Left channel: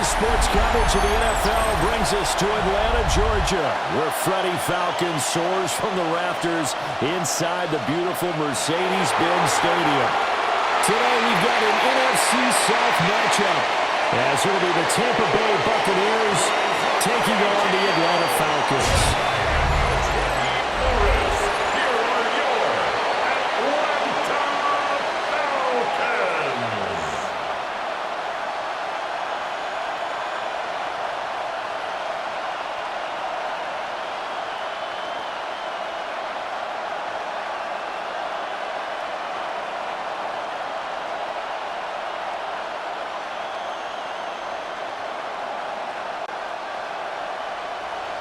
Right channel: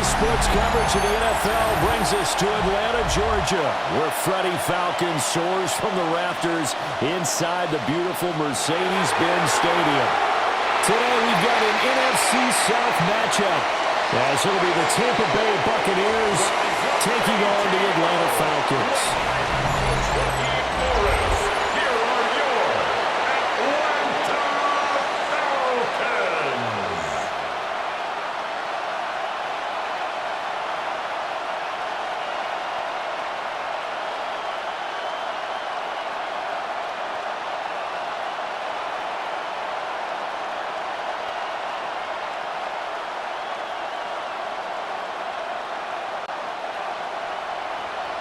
Today's sports coverage of the NFL brings us to Atlanta, Georgia, where Freddie Falcon soars from the rafters inside the beautiful Mercedes-Benz Stadium. Today we've got an NFC South matchup, as it'll be the Tampa Bay Buccaneers taking on the Atlanta Falcons.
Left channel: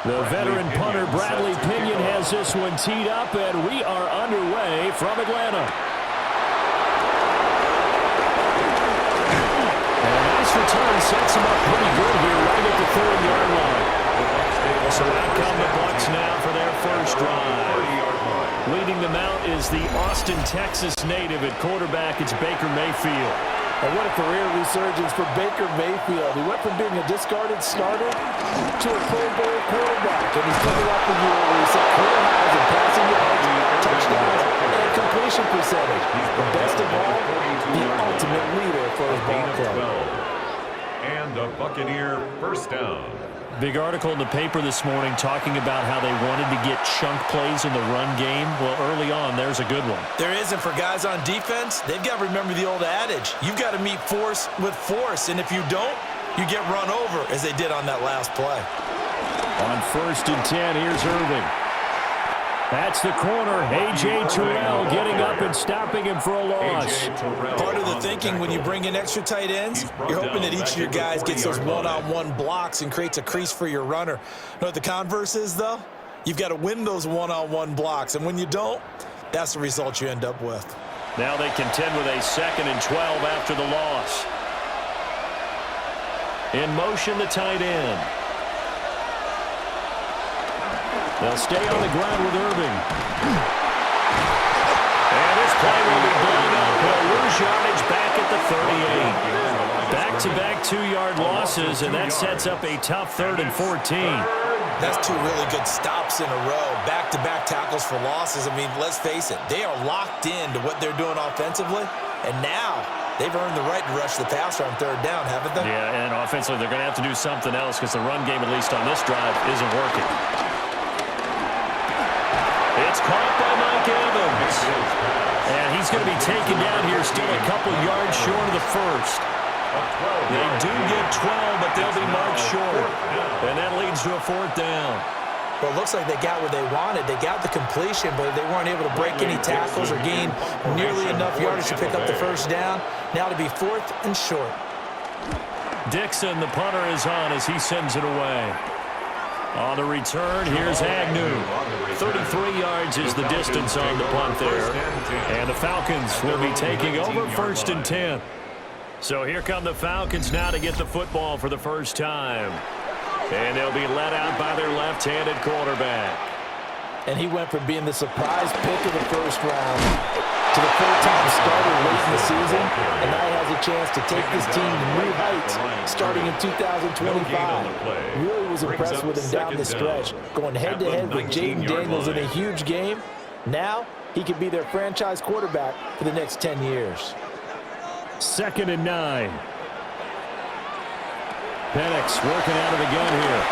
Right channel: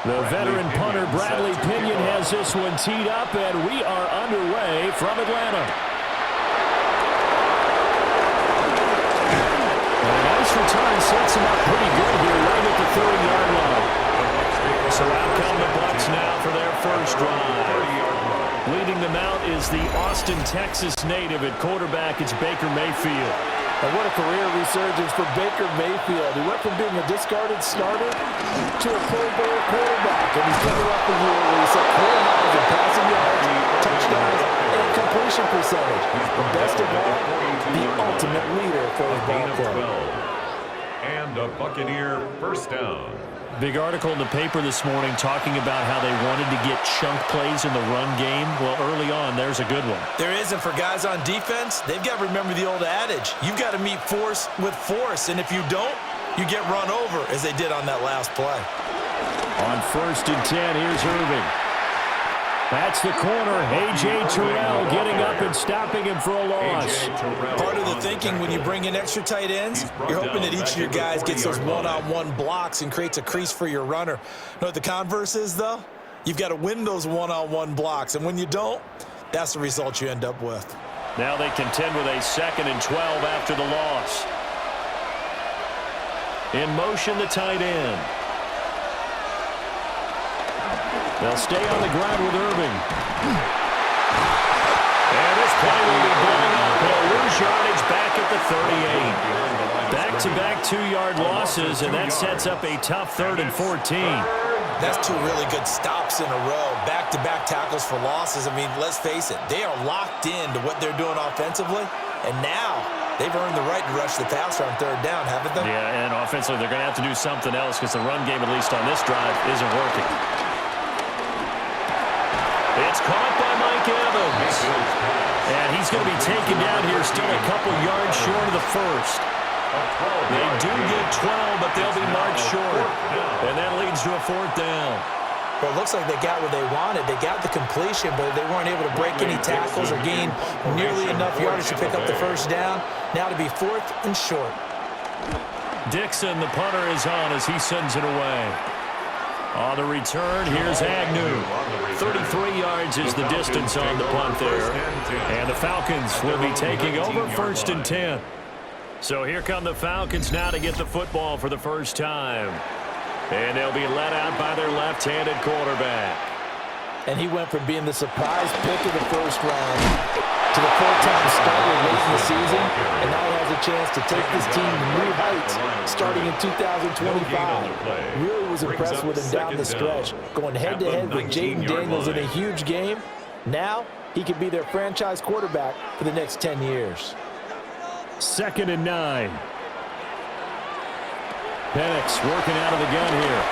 The veteran punter Bradley Pinion has this one teed up, and we are underway from Atlanta. And a nice return sets him up pretty good here right at the 30-yard line. So out come the Bucs now for their first drive. Leading them out is the Austin, Texas native at quarterback. It's Baker Mayfield. And what a career resurgence for Baker Mayfield. He went from being a discarded starter to a Pro Bowl quarterback. And he's coming off the year where he set career highs in passing yards, touchdowns, and completion percentage. But best of all, the ultimate leader for his ball club. And a Buccaneer first down. Big article in the paper this morning talking about how they wanted to get chunk plays in the run game. Well, early on, there's a good one. There isn't for guys on defense. They've got to remember the old adage. You've got to meet force with force, and if you don't, you get run over, as they did on that last play. On 1st and 10, here's Irving. That's the corner. EA Tiburon getting up and stopping him for a loss. Part of the thinking when you bring in extra tight ends, you're hoping that each of your guys gets those one-on-one blocks and creates a crease for your runner. You know what the converse is, though? You've got to win those one-on-one blocks, and when you don't, that's the result you end up with. Now they contend with a 2nd and 12 after the loss. In motion, the tight end. They'll stay on the ground with Irving. And this play will be blown up. He'll lose yardage back at the 38. Back-to-back 2-yard losses, and that sets up a tough 3rd and 14. That's 2 really good stops in a row. Back-to-back tackles for losses. I mean, let's face it, they are locked into what they're doing offensively, and now they've earned the right to rush the passer on 3rd down, haven't they? Yeah, and offensively, they're going to have to do something else because the run game, at least on this drive, isn't working. It's caught by Mike Evans. And he's going to be taken down here, still a couple yards short of the first. They do get 12, but they'll be marked short. And that leads to a 4th down. Well, it looks like they got what they wanted. They got the completion, but they weren't able to break any tackles or gain nearly enough yardage to pick up the first down. Now to be 4th and short. Dixon, the punter, is on as he sends it away. On the return, here's Agnew. 33 yards is the distance on the punt there. And the Falcons will be taking over 1st and 10. So here come the Falcons now to get the football for the first time. And they'll be led out by their left-handed quarterback. And he went from being the surprise pick of the first round to the full-time starter late in the season, and now he has a chance to take this team to new heights starting in 2025. Really was impressed with him down the stretch, going head-to-head with Jaden Daniels in a huge game. Now he could be their franchise quarterback for the next 10 years. 2nd and 9. Penix working out of the gun here.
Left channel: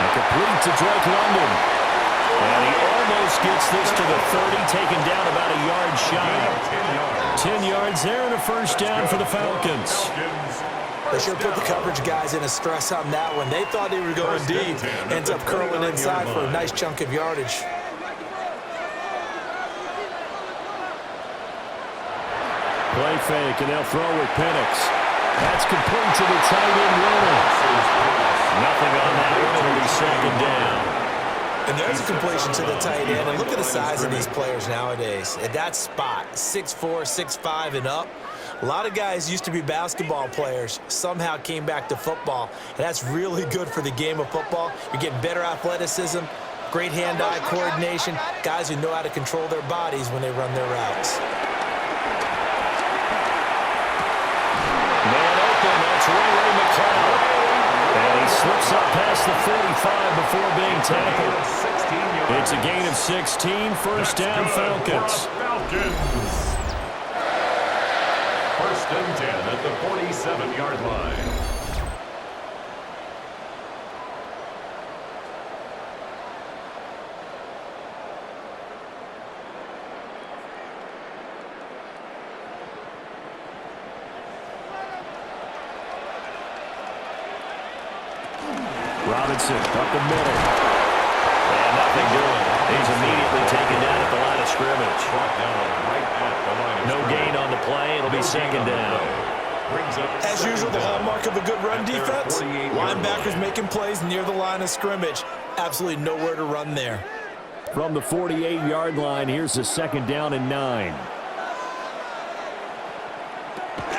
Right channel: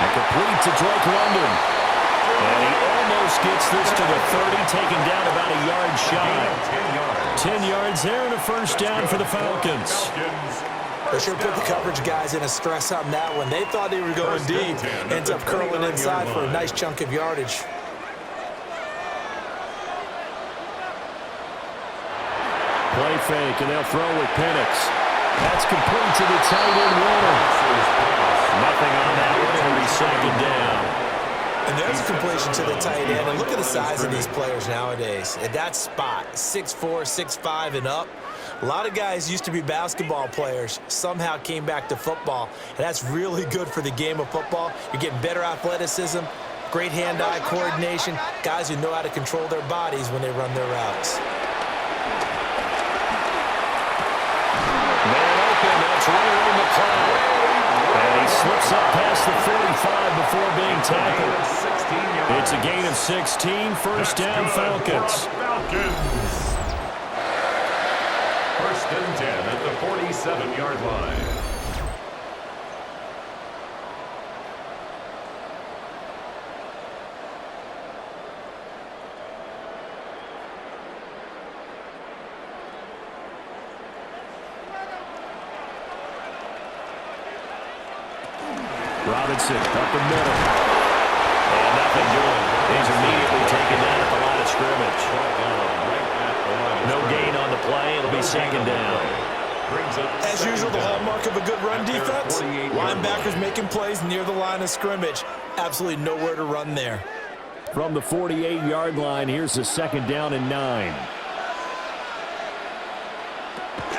And complete to Drake London. And he almost gets this to the 30, taken down about a yard shy. 10 yards there and a first down for the Falcons. They sure put the coverage guys in a stress on that one. They thought they were going deep. Ends up curling inside for a nice chunk of yardage. Play fake, and they'll throw with Penix. That's complete to the tight end Warner. Nothing on that one. It'll be 2nd down. And there's a completion to the tight end. And look at the size of these players nowadays. At that spot, 6'4", 6'5", and up. A lot of guys used to be basketball players, somehow came back to football. And that's really good for the game of football. You're getting better athleticism, great hand-eye coordination, guys who know how to control their bodies when they run their routes. Man open, that's Ray Slips up past the 45 before being tackled. It's a gain of 16. First down, Falcons. First and 10 at the 47-yard line. Robinson up the middle. And nothing doing. He's immediately taken down at the line of scrimmage. No gain on the play. It'll be second down. As usual, the hallmark of a good run defense, linebackers making plays near the line of scrimmage. Absolutely nowhere to run there. From the 48-yard line, here's the second down and 9.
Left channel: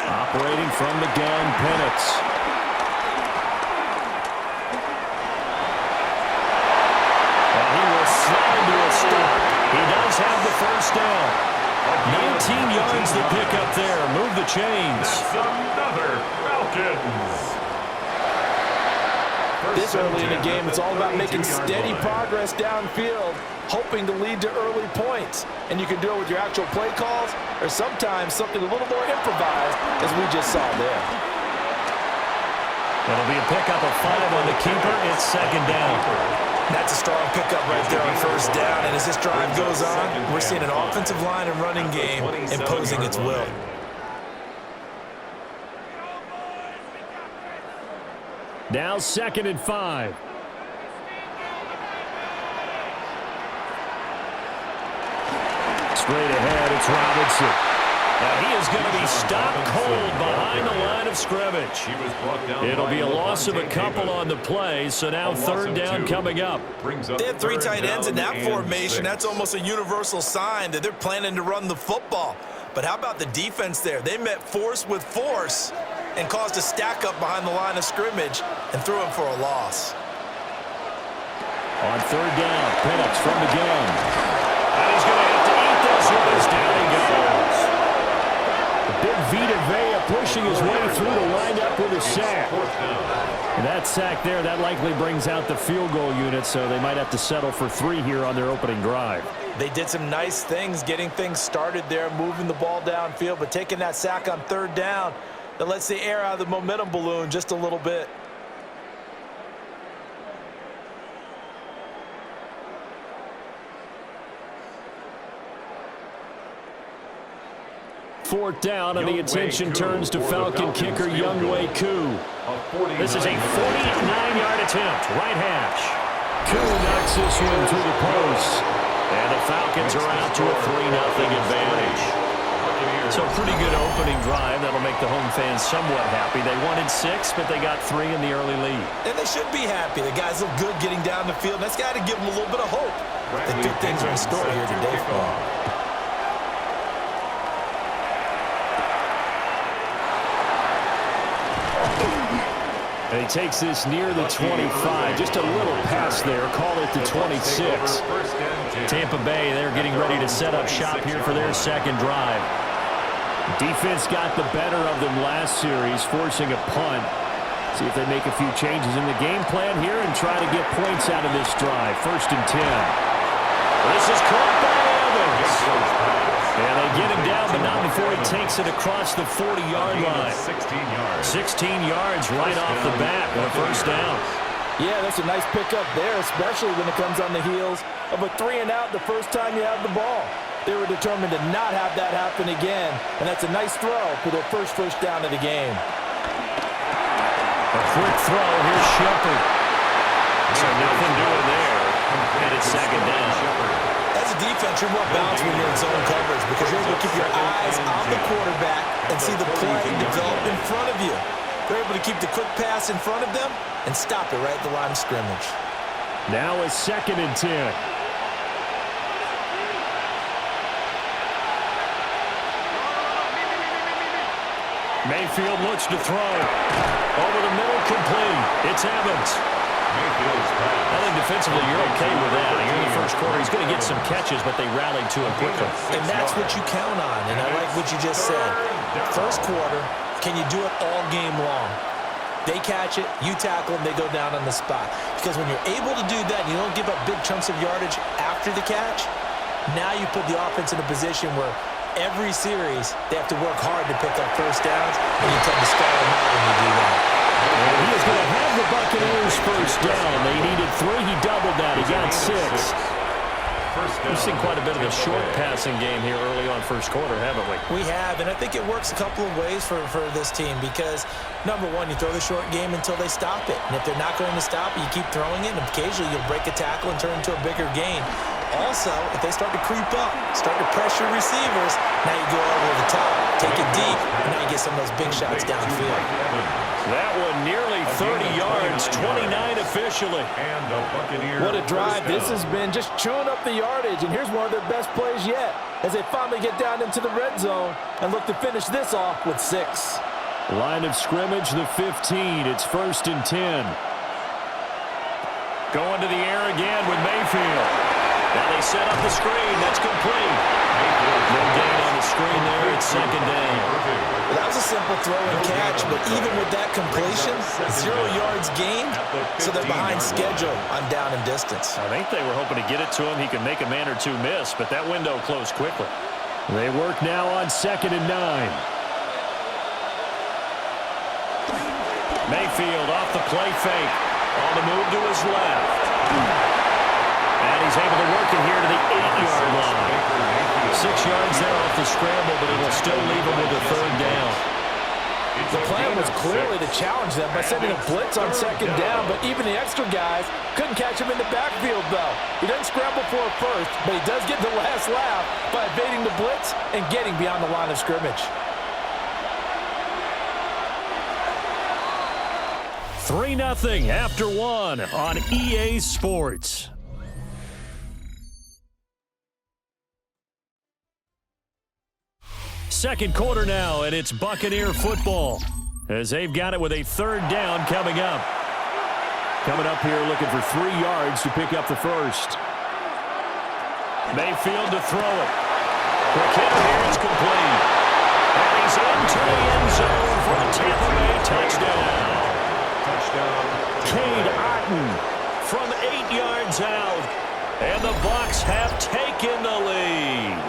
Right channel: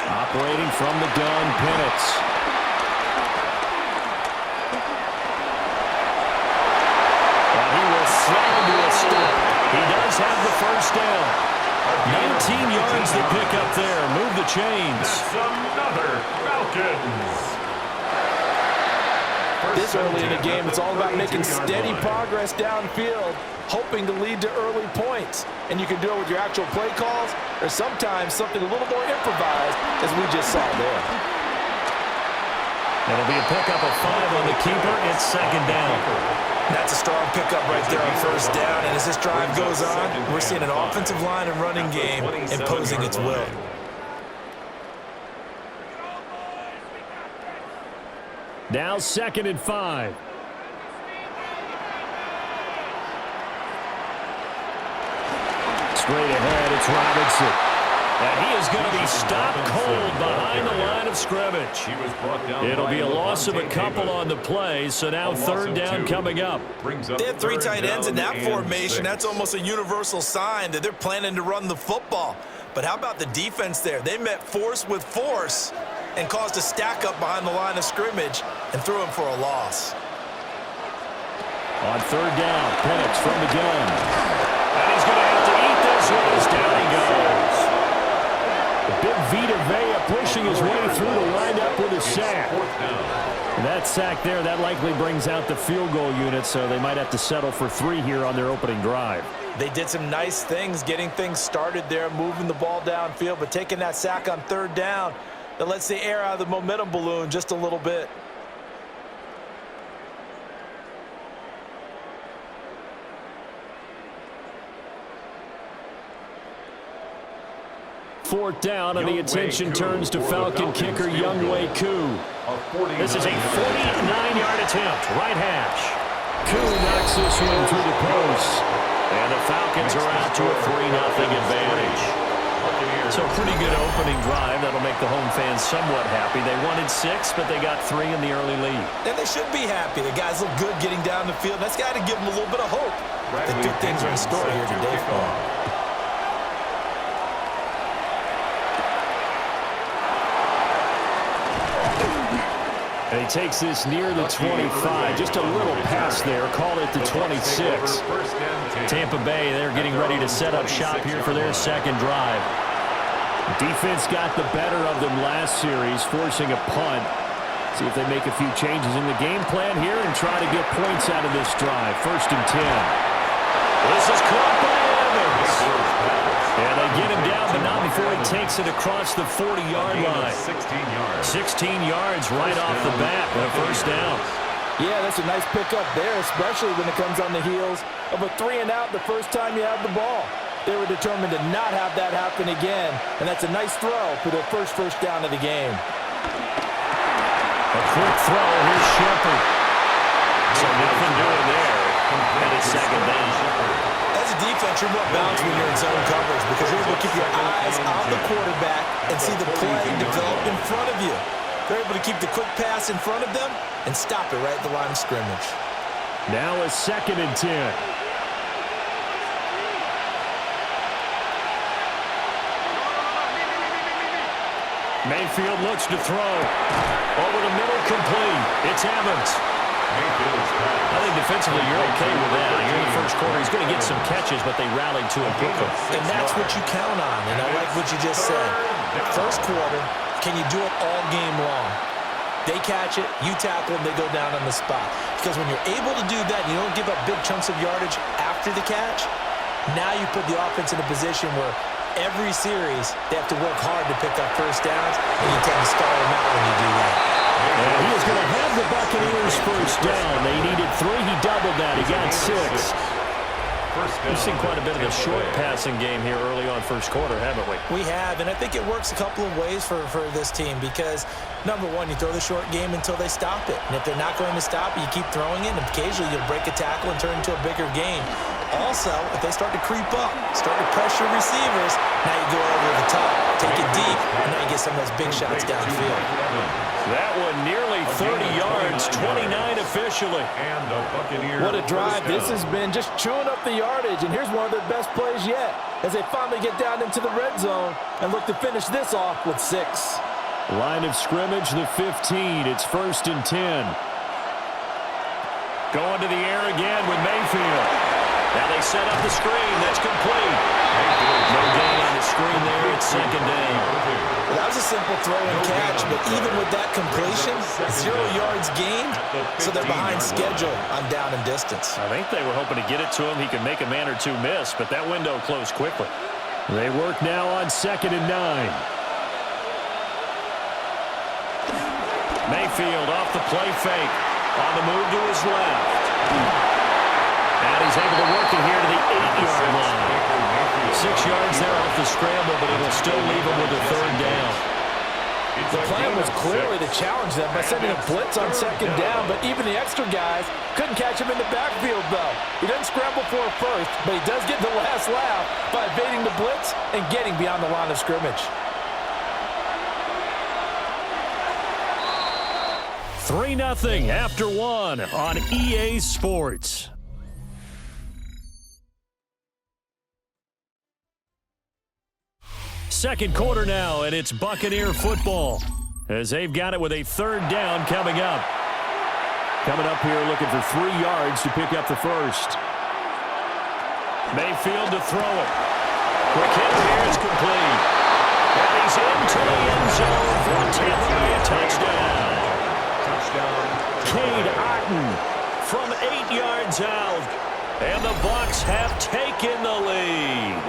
Operating from the gun, Penix. And he will slide to a stop. He does have the first down. 19 yards to pick up there. Move the chains. That's another Falcons. This early in the game, it's all about making steady progress downfield, hoping to lead to early points. And you can do it with your actual play calls or sometimes something a little more improvised, as we just saw there. It'll be a pickup of 5 on the keeper. It's second down. That's a strong pickup right there on first down. And as this drive goes on, we're seeing an offensive line and running game imposing its will. Now second and 5. Straight ahead, it's Robinson. And he is going to be stopped cold behind the line of scrimmage. It'll be a loss of a couple on the play, so now third down coming up. They have 3 tight ends in that formation. That's almost a universal sign that they're planning to run the football. But how about the defense there? They met force with force and caused a stack up behind the line of scrimmage and threw him for a loss. On third down, Penix from the gun. And he's going to have to eat this one as down he goes. Big Vita Vea pushing his way through to wind up with a sack. And that sack there, that likely brings out the field goal unit, so they might have to settle for 3 here on their opening drive. They did some nice things getting things started there, moving the ball downfield, but taking that sack on third down, that lets the air out of the momentum balloon just a little bit. Fourth down, and the attention turns to Falcon kicker Younghoe Koo. This is a 49-yard attempt, right hash. Koo knocks this one through the post. And the Falcons are out to a 3-0 advantage. So pretty good opening drive. That'll make the home fans somewhat happy. They wanted 6, but they got 3 in the early lead. And they should be happy. The guys look good getting down the field. That's got to give them a little bit of hope that good things are in store here today for them. And he takes this near the 25. Just a little pass there. Call it the 26. Tampa Bay, they're getting ready to set up shop here for their second drive. Defense got the better of them last series, forcing a punt. See if they make a few changes in the game plan here and try to get points out of this drive. First and 10. This is caught by Evans. And they get him down, but not before he takes it across the 40-yard line. 16 yards right off the bat and a first down. Yeah, that's a nice pickup there, especially when it comes on the heels of a 3-and-out the first time you have the ball. They were determined to not have that happen again, and that's a nice throw for their first down of the game. A quick throw. Here's Shepard. So nothing doing there, and it's second down. As a defense, you're more balanced when you're in zone coverage because you're able to keep your eyes on the quarterback and see the play develop in front of you. They're able to keep the quick pass in front of them and stop it right at the line of scrimmage. Now a second and 10. Mayfield looks to throw. Over the middle, complete. It's Evans. I think defensively you're okay with that. Here in the first quarter, he's going to get some catches, but they rallied to him quickly. And that's what you count on, and I like what you just said. First quarter, can you do it all game long? They catch it, you tackle them, they go down on the spot. Because when you're able to do that, you don't give up big chunks of yardage after the catch, now you put the offense in a position where every series they have to work hard to pick up first downs, and you tend to stall them out when you do that. And he is going to have the Buccaneers first down. They needed 3. He doubled that. He got 6. We've seen quite a bit of the short passing game here early on first quarter, haven't we? We have, and I think it works a couple of ways for this team because, number one, you throw the short game until they stop it. And if they're not going to stop it, you keep throwing it, and occasionally you'll break a tackle and turn it into a bigger gain. Also, if they start to creep up, start to pressure receivers, now you go over the top, take it deep, and now you get some of those big shots downfield. That one nearly 30 yards, 29 officially. And the Buccaneers. What a drive this has been, just chewing up the yardage, and here's one of their best plays yet as they finally get down into the red zone and look to finish this off with 6. Line of scrimmage, the 15. It's 1st and 10. Going to the air again with Mayfield. Now they set up the screen. That's complete. No gain on the screen there. It's 2nd down. Well, that was a simple throw and catch, but even with that completion, 0 yards gained, so they're behind schedule on down and distance. I think they were hoping to get it to him. He could make a man or two miss, but that window closed quickly. They work now on 2nd and 9. Mayfield off the play fake. On the move to his left. And he's able to work it here to the 8-yard line. 6 yards there off the scramble, but it'll still leave him with a 3rd down. The plan was clearly to challenge them by sending a blitz on 2nd down, but even the extra guys couldn't catch him in the backfield, though. He doesn't scramble for a first, but he does get the last laugh by evading the blitz and getting beyond the line of scrimmage. 3-0 after 1 on EA Sports. Second quarter now, and it's Buccaneer football as they've got it with a 3rd down coming up. Coming up here looking for 3 yards to pick up the first. Mayfield to throw it. Quick hitter here, it's complete. And he's into the end zone for a Tampa Bay touchdown. Cade Otton from 8 yards out. And the Bucs have taken the lead.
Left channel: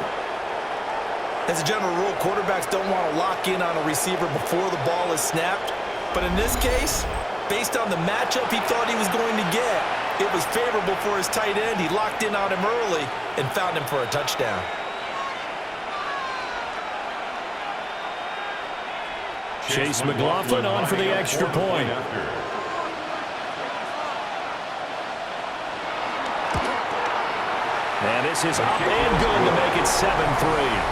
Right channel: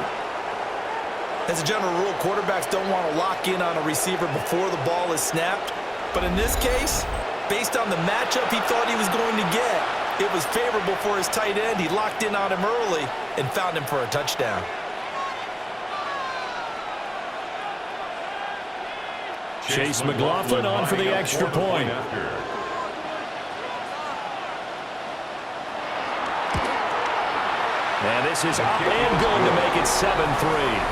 As a general rule, quarterbacks don't want to lock in on a receiver before the ball is snapped. But in this case, based on the matchup he thought he was going to get, it was favorable for his tight end. He locked in on him early and found him for a touchdown. Chase McLaughlin on for the extra point. And this is up and good to make it 7-3.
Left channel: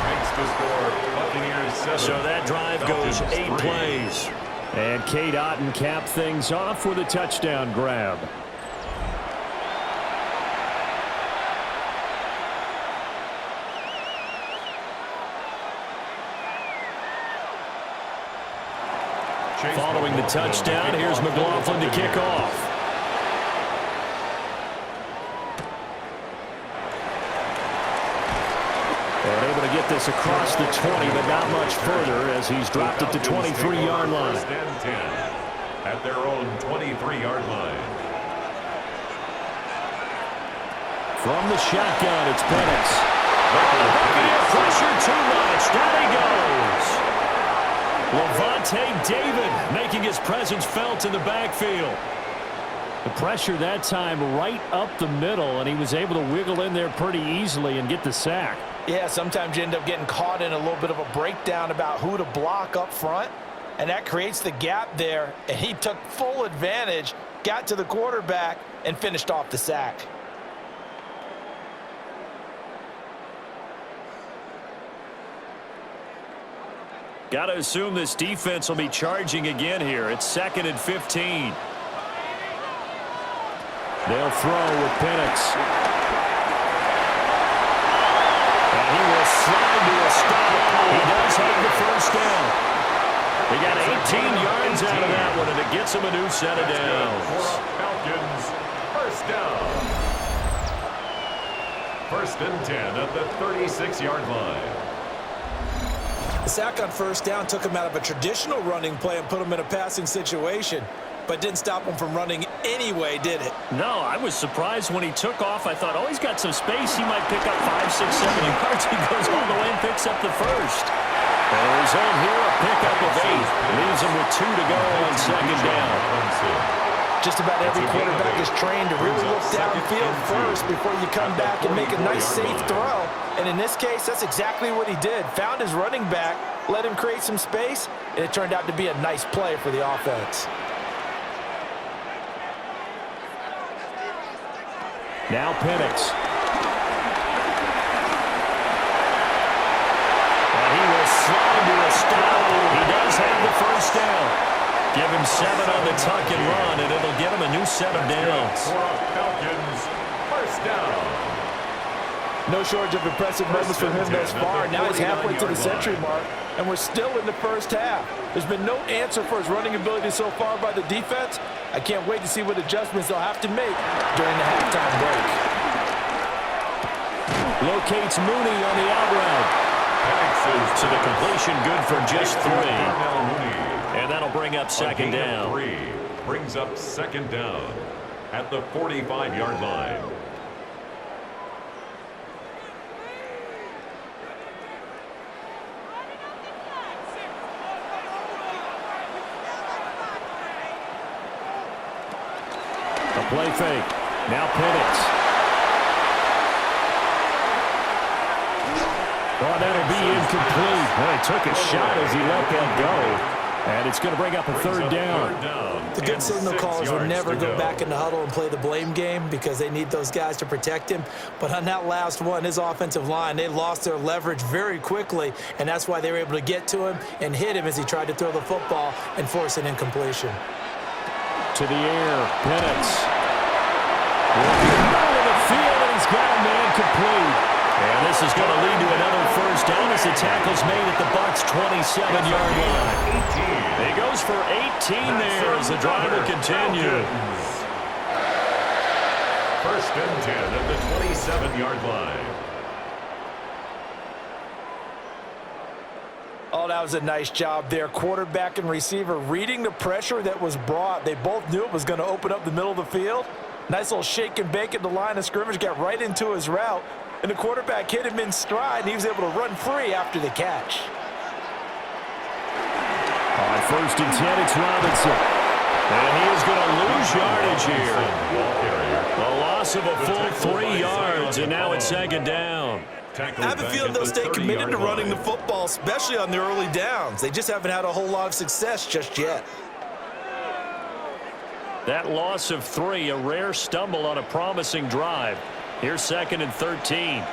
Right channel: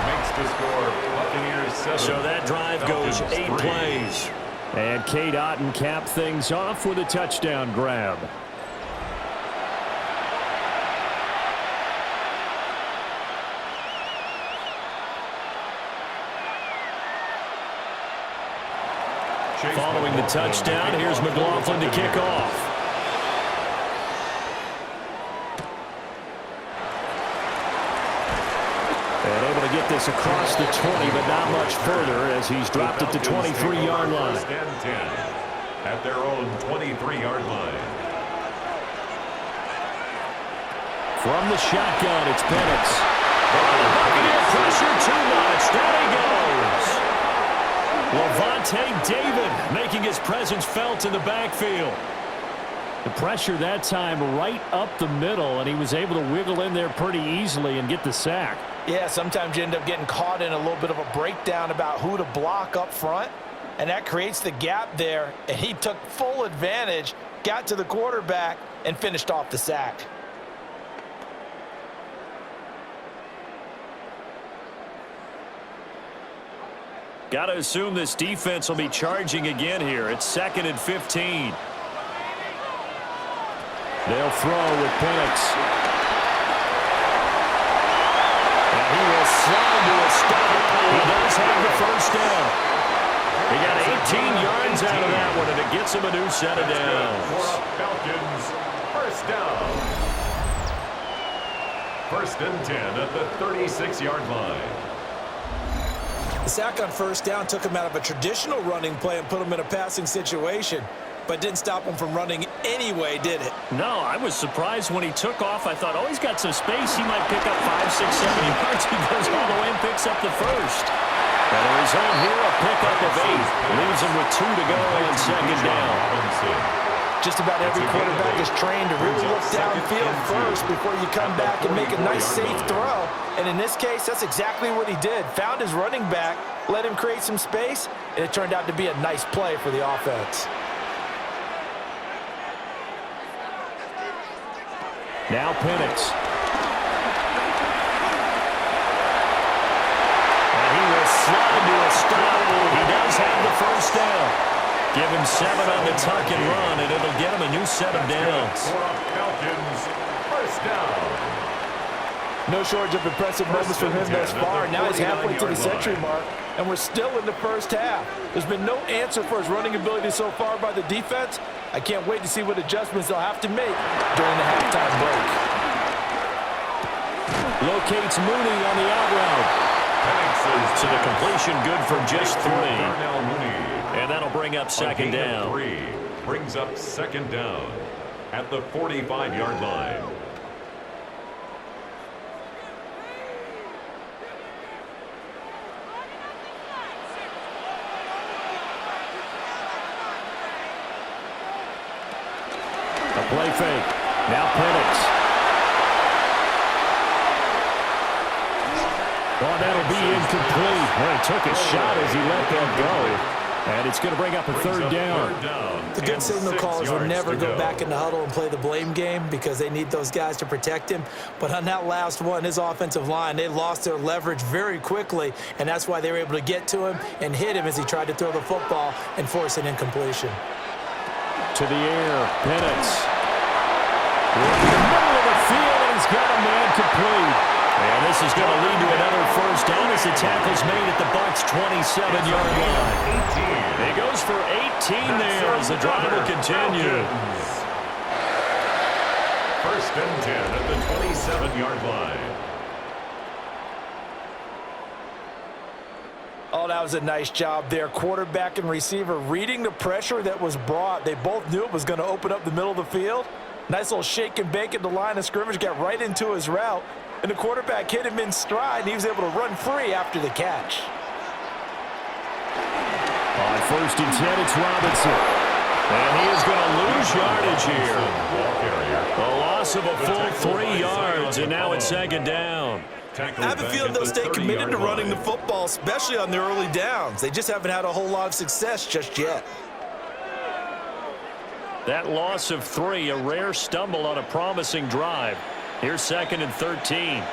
Makes the score Buccaneers 7. So that drive goes 8 plays. And Cade Otton capped things off with a touchdown grab. Following the touchdown, here's McLaughlin to kick off. And able to get this across the 20, but not much further as he's dropped it to 23-yard line. At their own 23-yard line. From the shotgun, it's Penix. Oh, the Buccaneer pressure too much. Down he goes. Levante David making his presence felt in the backfield. The pressure that time right up the middle, and he was able to wiggle in there pretty easily and get the sack. Yeah, sometimes you end up getting caught in a little bit of a breakdown about who to block up front, and that creates the gap there, and he took full advantage, got to the quarterback, and finished off the sack. Got to assume this defense will be charging again here. It's 2nd and 15. They'll throw with Penix. And he will slide to a stop. He does have the first down. He got 18 yards out of that one, and it gets him a new set of downs. Falcons, first down. 1st and 10 at the 36-yard line. The sack on first down took him out of a traditional running play and put him in a passing situation, but didn't stop him from running anyway, did it? No, I was surprised when he took off. I thought, oh, he's got some space. He might pick up 5, 6, 7 yards. He goes all the way and picks up the first. And the result here, a pickup of 8. Leaves him with 2 to go on second down. Just about every quarterback is trained to really look downfield first before you come back and make a nice, safe throw. And in this case, that's exactly what he did. Found his running back, let him create some space, and it turned out to be a nice play for the offense. Now Penix. And he will slide to a stop. He does have the first down. Give him 7 on the tuck and run, and it'll get him a new set of downs. For a Falcons first down. No shortage of impressive moments from him thus far. Now he's halfway to the century mark, and we're still in the first half. There's been no answer for his running ability so far by the defense. I can't wait to see what adjustments they'll have to make during the halftime break. Locates Mooney on the out route. So the completion good for just 3. And that'll bring up second down. 3 brings up second down at the 45-yard line. A play fake. Now Penix. Oh, that'll be incomplete. Well, he took a shot as he let that go. And it's going to bring up a third down. The good signal callers will never go back in the huddle and play the blame game because they need those guys to protect him. But on that last one, his offensive line, they lost their leverage very quickly, and that's why they were able to get to him and hit him as he tried to throw the football and force an incompletion. To the air, Penix. In the middle of the field, and he's got a man complete. And this is going to lead to another first down as the tackle's made at the Bucs' 27-yard line. He goes for 18 there as the drive will continue. First and 10 at the 27-yard line. Oh, that was a nice job there. Quarterback and receiver reading the pressure that was brought. They both knew it was going to open up the middle of the field. Nice little shake and bake at the line of scrimmage, got right into his route. And the quarterback hit him in stride, and he was able to run free after the catch. On first and 10, it's Robinson. And he is going to lose yardage here. A loss of a full 3 yards, and now it's second down. I have a feeling they'll stay committed to running the football, especially on the early downs. They just haven't had a whole lot of success just yet. That loss of 3, a rare stumble on a promising drive. Here's second and 13.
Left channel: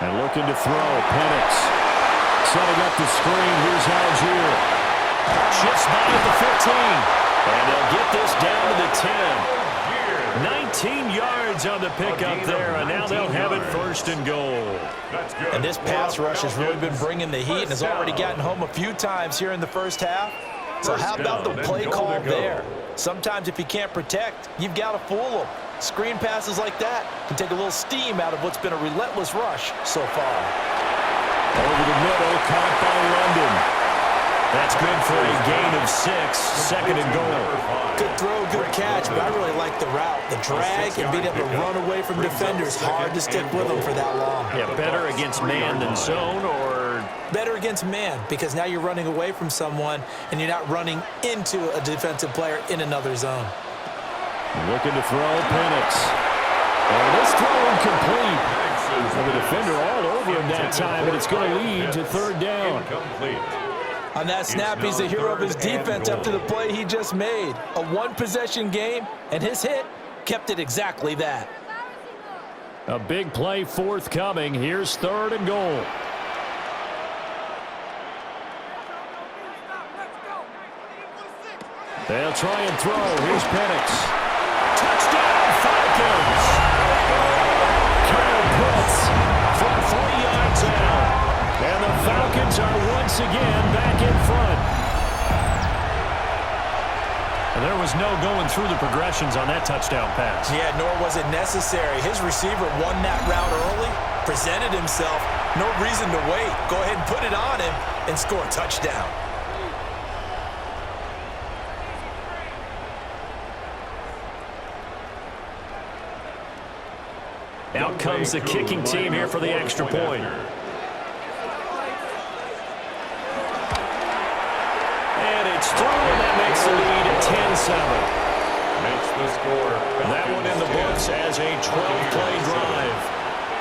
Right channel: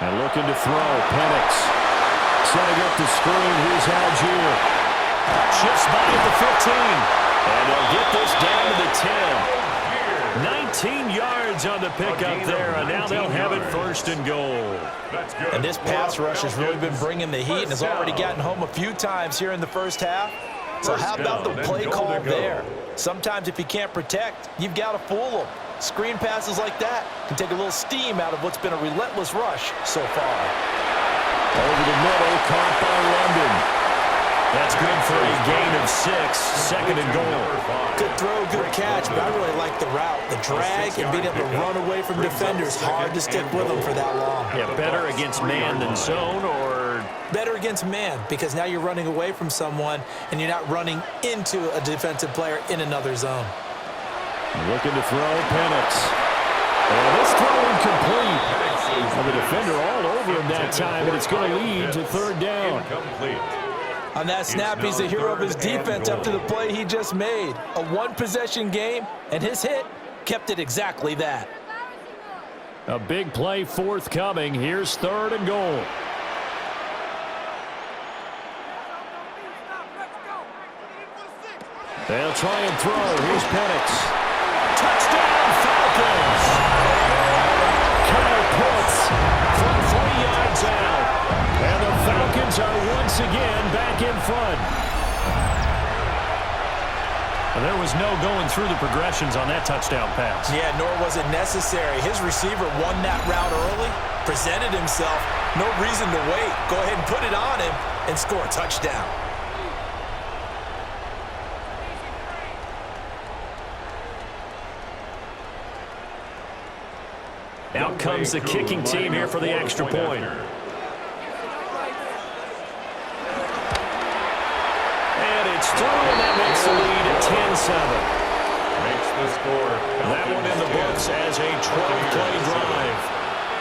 And looking to throw, Penix. Setting up the screen, here's Algier. Shifts by at the 15. And they'll get this down to the 10. 19 yards on the pickup there, and now they'll have it first and goal. And this pass rush has really been bringing the heat and has already gotten home a few times here in the first half. So how about the play call there? Sometimes if you can't protect, you've got to fool them. Screen passes like that can take a little steam out of what's been a relentless rush so far. Over the middle, caught by London. That's good for a gain of 6, second and goal. Good throw, good catch, but I really like the route. The drag and being able to run away from defenders, hard to stick with them for that long. Yeah, better against man than zone, or? Better against man, because now you're running away from someone and you're not running into a defensive player in another zone. Looking to throw, Penix. And this throw incomplete. And the defender all over him that time, and it's going to lead to third down. On that snap, he's the hero of his defense after the play he just made. A one-possession game, and his hit kept it exactly that. A big play forthcoming. Here's third and goal. They'll try and throw. Here's Penix. Touchdown, Falcons! Kyle Pitts from 3 yards out. And the Falcons are once again back in front. And there was no going through the progressions on that touchdown pass. Yeah, nor was it necessary. His receiver won that route early, presented himself, No reason to wait. Go ahead and put it on him and score a touchdown. Out comes the kicking team here for the extra point. And it's through, and that makes the lead at 10-7. Makes the score. That one in the books as a 12-play drive.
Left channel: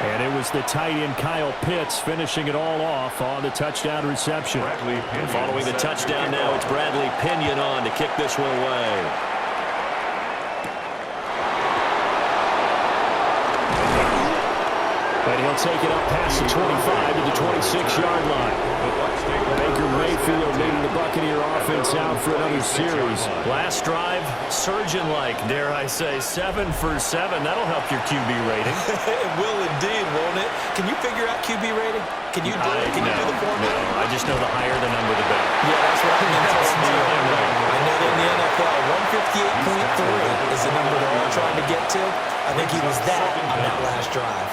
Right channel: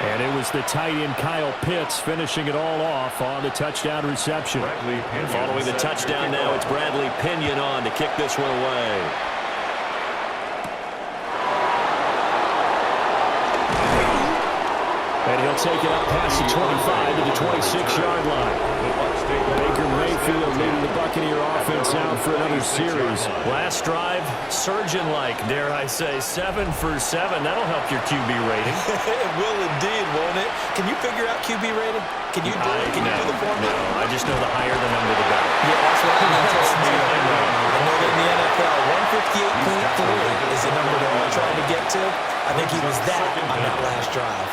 And it was the tight end Kyle Pitts finishing it all off on the touchdown reception. And following the touchdown now, it's Bradley Pinion on to kick this one away. And he'll take it up past the 25 to the 26-yard line. Baker Mayfield leading the Buccaneer offense out for another series. Last drive, surgeon-like, dare I say, 7 for 7. That'll help your QB rating. It will indeed, won't it? Can you figure out QB rating? Can you do it? Can you do the formula? No, I just know the higher the number, the better. Yeah, that's what I mean. I know that in the NFL, 158.3 is the number they're all trying to get to. I think he was that on that last drive.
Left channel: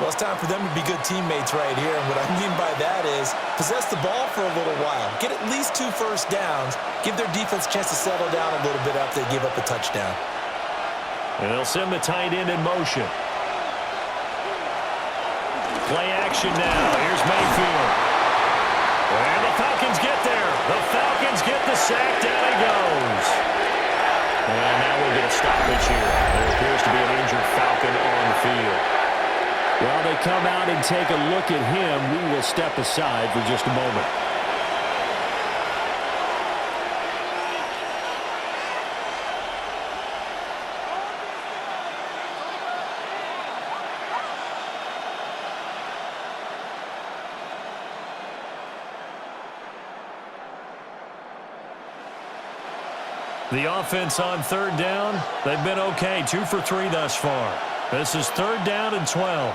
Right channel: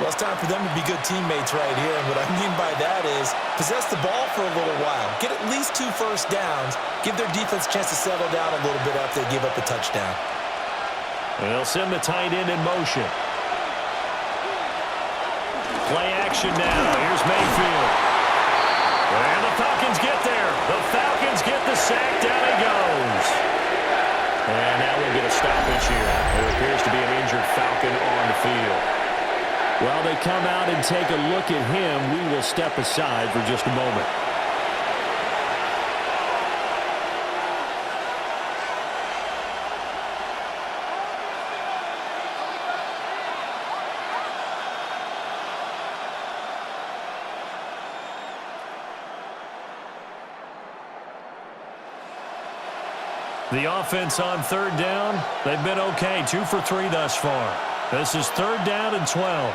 Well, it's time for them to be good teammates right here, and what I mean by that is possess the ball for a little while, get at least 2 first downs, give their defense a chance to settle down a little bit after they give up a touchdown. And they'll send the tight end in motion. Play action now. Here's Mayfield. And the Falcons get there. The Falcons get the sack. Down he goes. And now we'll get a stoppage here. There appears to be an injured Falcon on the field. While they come out and take a look at him, we will step aside for just a moment. The offense on third down, they've been okay. 2 for 3 thus far. This is 3rd down and 12.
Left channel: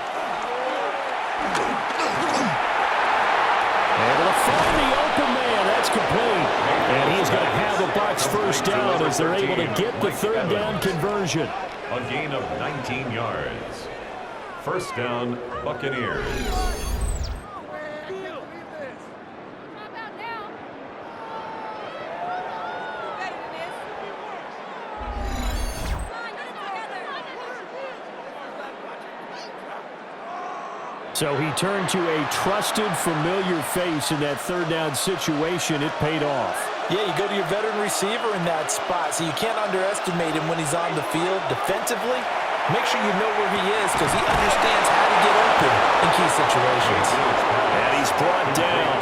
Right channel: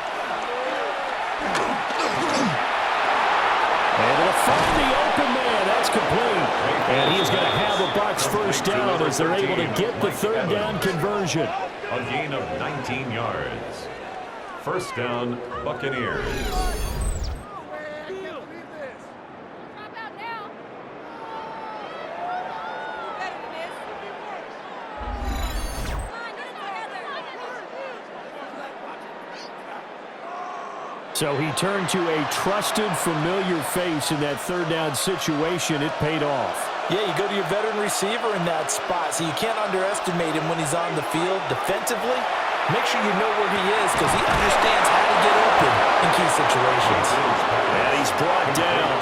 Able to find the open man. That's complete. And he's going to have a Bucs first down as they're able to get the 3rd down conversion. A gain of 19 yards. First down, Buccaneers. So he turned to a trusted, familiar face in that 3rd down situation. It paid off. Yeah, you go to your veteran receiver in that spot, so you can't underestimate him when he's on the field defensively. Make sure you know where he is because he understands how to get open in key situations. And he's brought down.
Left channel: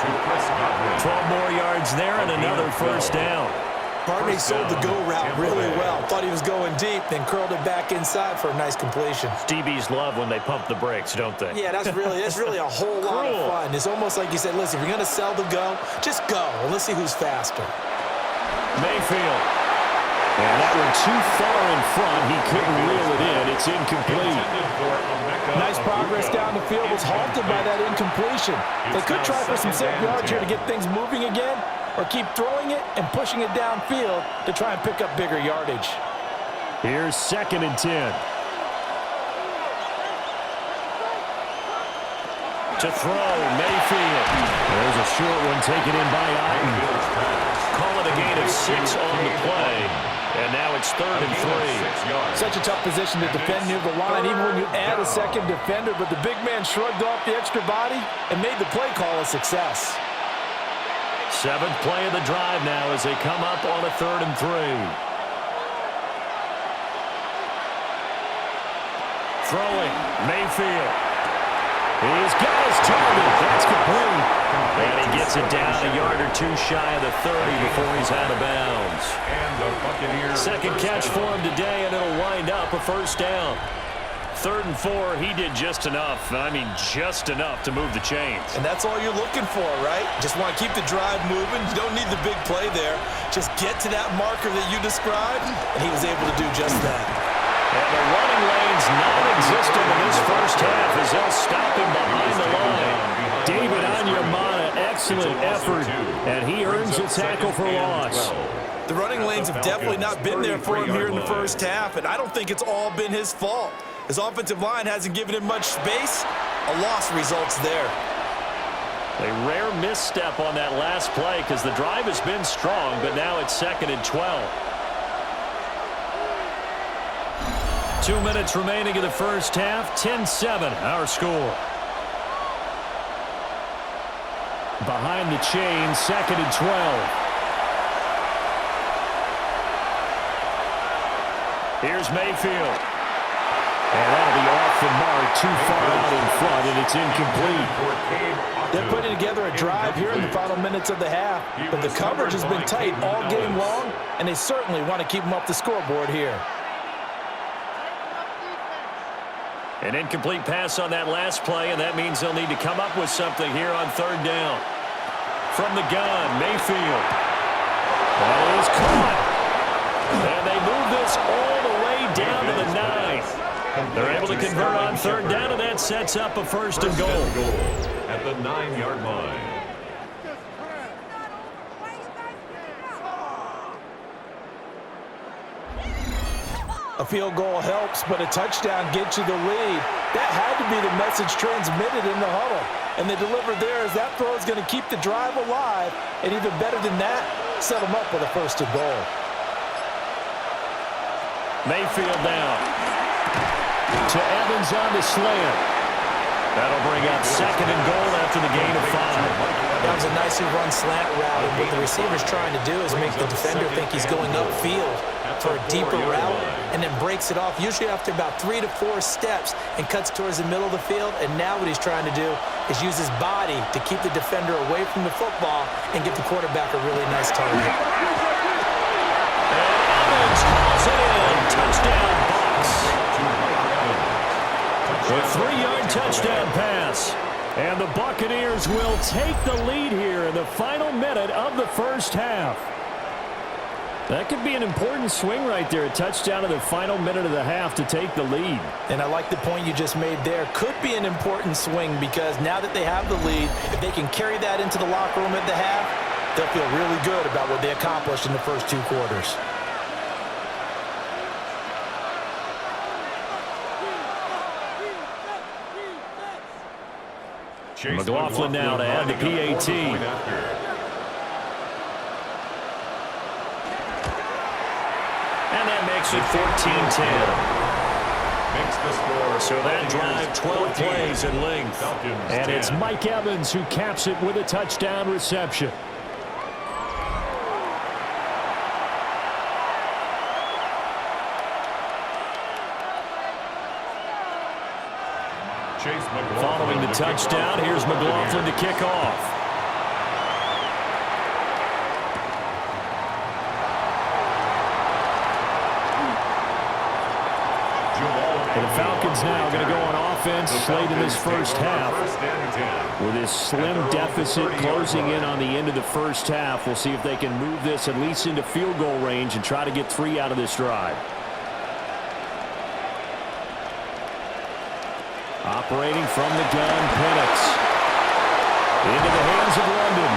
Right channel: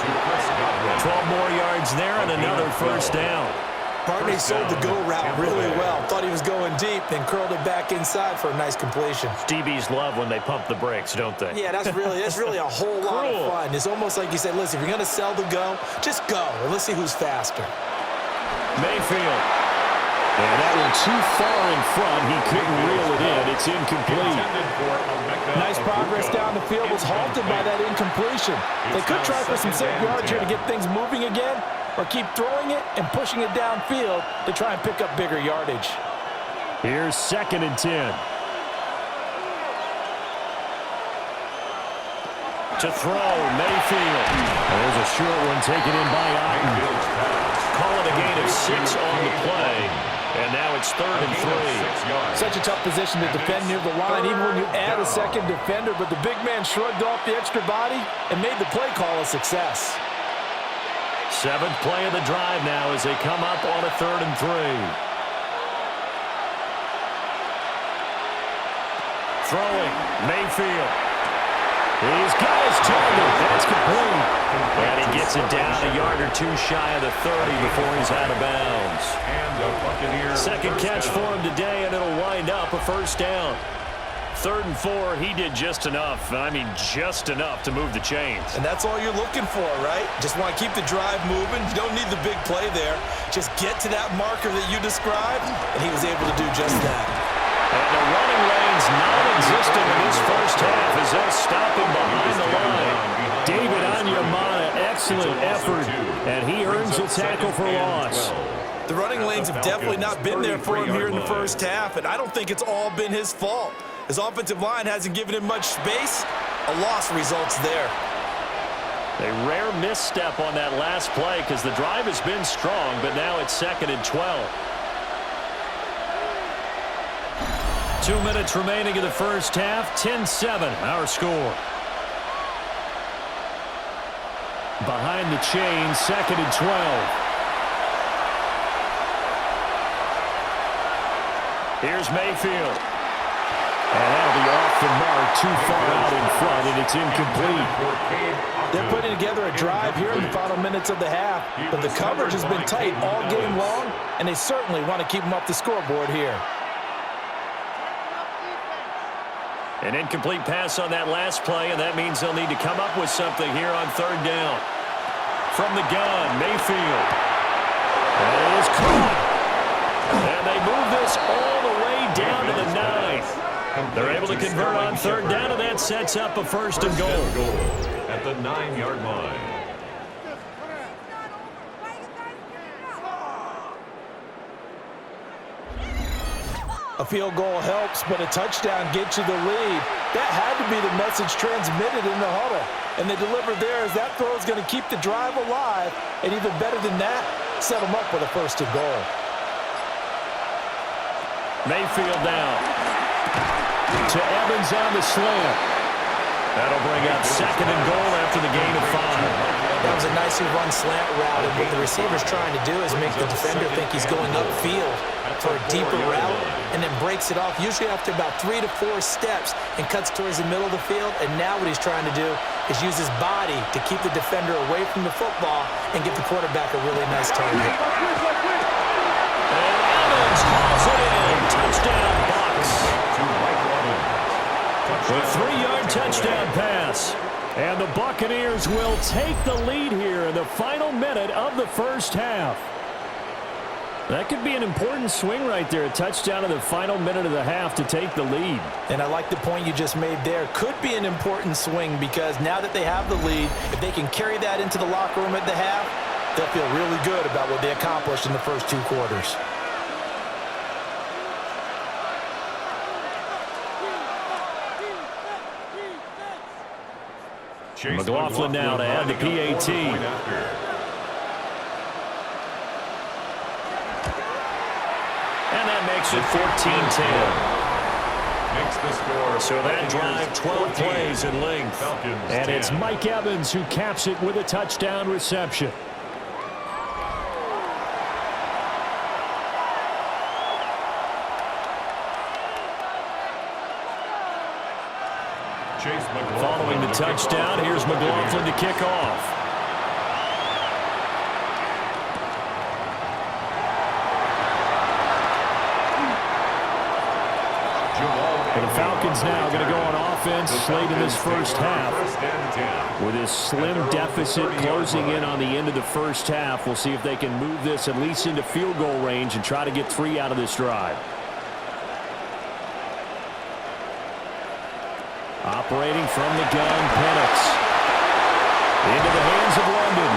12 more yards there and another first down. Barney sold the go route really well. Thought he was going deep, then curled it back inside for a nice completion. DBs love when they pump the brakes, don't they? Yeah, that's really a whole lot of fun. It's almost like you said, listen, if you're going to sell the go, just go. And let's see who's faster. Mayfield. And that one too far in front. He couldn't reel it in. It's incomplete. Nice progress down the field was halted by that incompletion. They could try for some safe yards here to get things moving again, or keep throwing it and pushing it downfield to try and pick up bigger yardage. Here's 2nd and 10. To throw, Mayfield. There's a short one taken in by Otten. Call it a gain of 6 on the play. And now it's 3rd and 3. Such a tough position to defend near the line, even when you add a second defender, but the big man shrugged off the extra body and made the play call a success. 7th play of the drive now as they come up on a 3rd and 3. Throwing, Mayfield. He's got his target. That's complete. And he gets it down a yard or 2 shy of the 30 before he's out of bounds. And the Buccaneers 2nd catch for him today, and it'll wind up a first down. 3rd and 4, he did just enough. I mean, just enough to move the chains. And that's all you're looking for, right? Just want to keep the drive moving. You don't need the big play there. Just get to that marker that you described, and he was able to do just that. And the running lane's non-existent in this first half as they'll stop him behind the line. David Onyemata, excellent effort, and he earns a tackle for loss. The running lanes have definitely not been there for him here in the first half, and I don't think it's all been his fault. His offensive line hasn't given him much space, A loss results there. A rare misstep on that last play because the drive has been strong, but now it's 2nd and 12. 2 minutes remaining in the first half. 10-7, our score. Behind the chain, 2nd and 12. Here's Mayfield. And that'll be off the mark, too far out in front, and it's incomplete. They're putting together a drive here in the final minutes of the half, but the coverage has been tight all game long, and they certainly want to keep them up the scoreboard here. An incomplete pass on that last play, and that means they'll need to come up with something here on 3rd down. From the gun, Mayfield. That is caught. And they move this all the way down to the 9. They're able to convert on 3rd down, and that sets up a 1st and goal. At the 9-yard line. A field goal helps, but a touchdown gets you the lead. That had to be the message transmitted in the huddle. And they delivered there as that throw is going to keep the drive alive. And even better than that, set them up with a 1st and goal. Mayfield down. To Evans on the slant. That'll bring up 2nd and goal after the gain of 5. That was a nicely run slant route, and what the receiver's trying to do is make the defender think he's going upfield for a deeper route, and then breaks it off, usually after about 3 to 4 steps, and cuts towards the middle of the field. And now what he's trying to do is use his body to keep the defender away from the football and give the quarterback a really nice target. And Evans hauls it in. Touchdown, Bucs. A 3-yard touchdown pass. And the Buccaneers will take the lead here in the final minute of the first half. That could be an important swing right there, a touchdown in the final minute of the half to take the lead. And I like the point you just made there. Could be an important swing because now that they have the lead, if they can carry that into the locker room at the half, they'll feel really good about what they accomplished in the first 2 quarters. McLaughlin now to add the PAT. And that makes it 14-10. Makes the score. So that drive, 12 plays in length. Falcons and 10. it's Mike Evans who caps it with a touchdown reception. Following the touchdown, here's McLaughlin to kick off. And the Falcons now going to go on offense late in this first half. With this slim deficit closing in on the end of the first half, we'll see if they can move this at least into field goal range and try to get 3 out of this drive. Operating from the gun, Penix. Into the hands of London.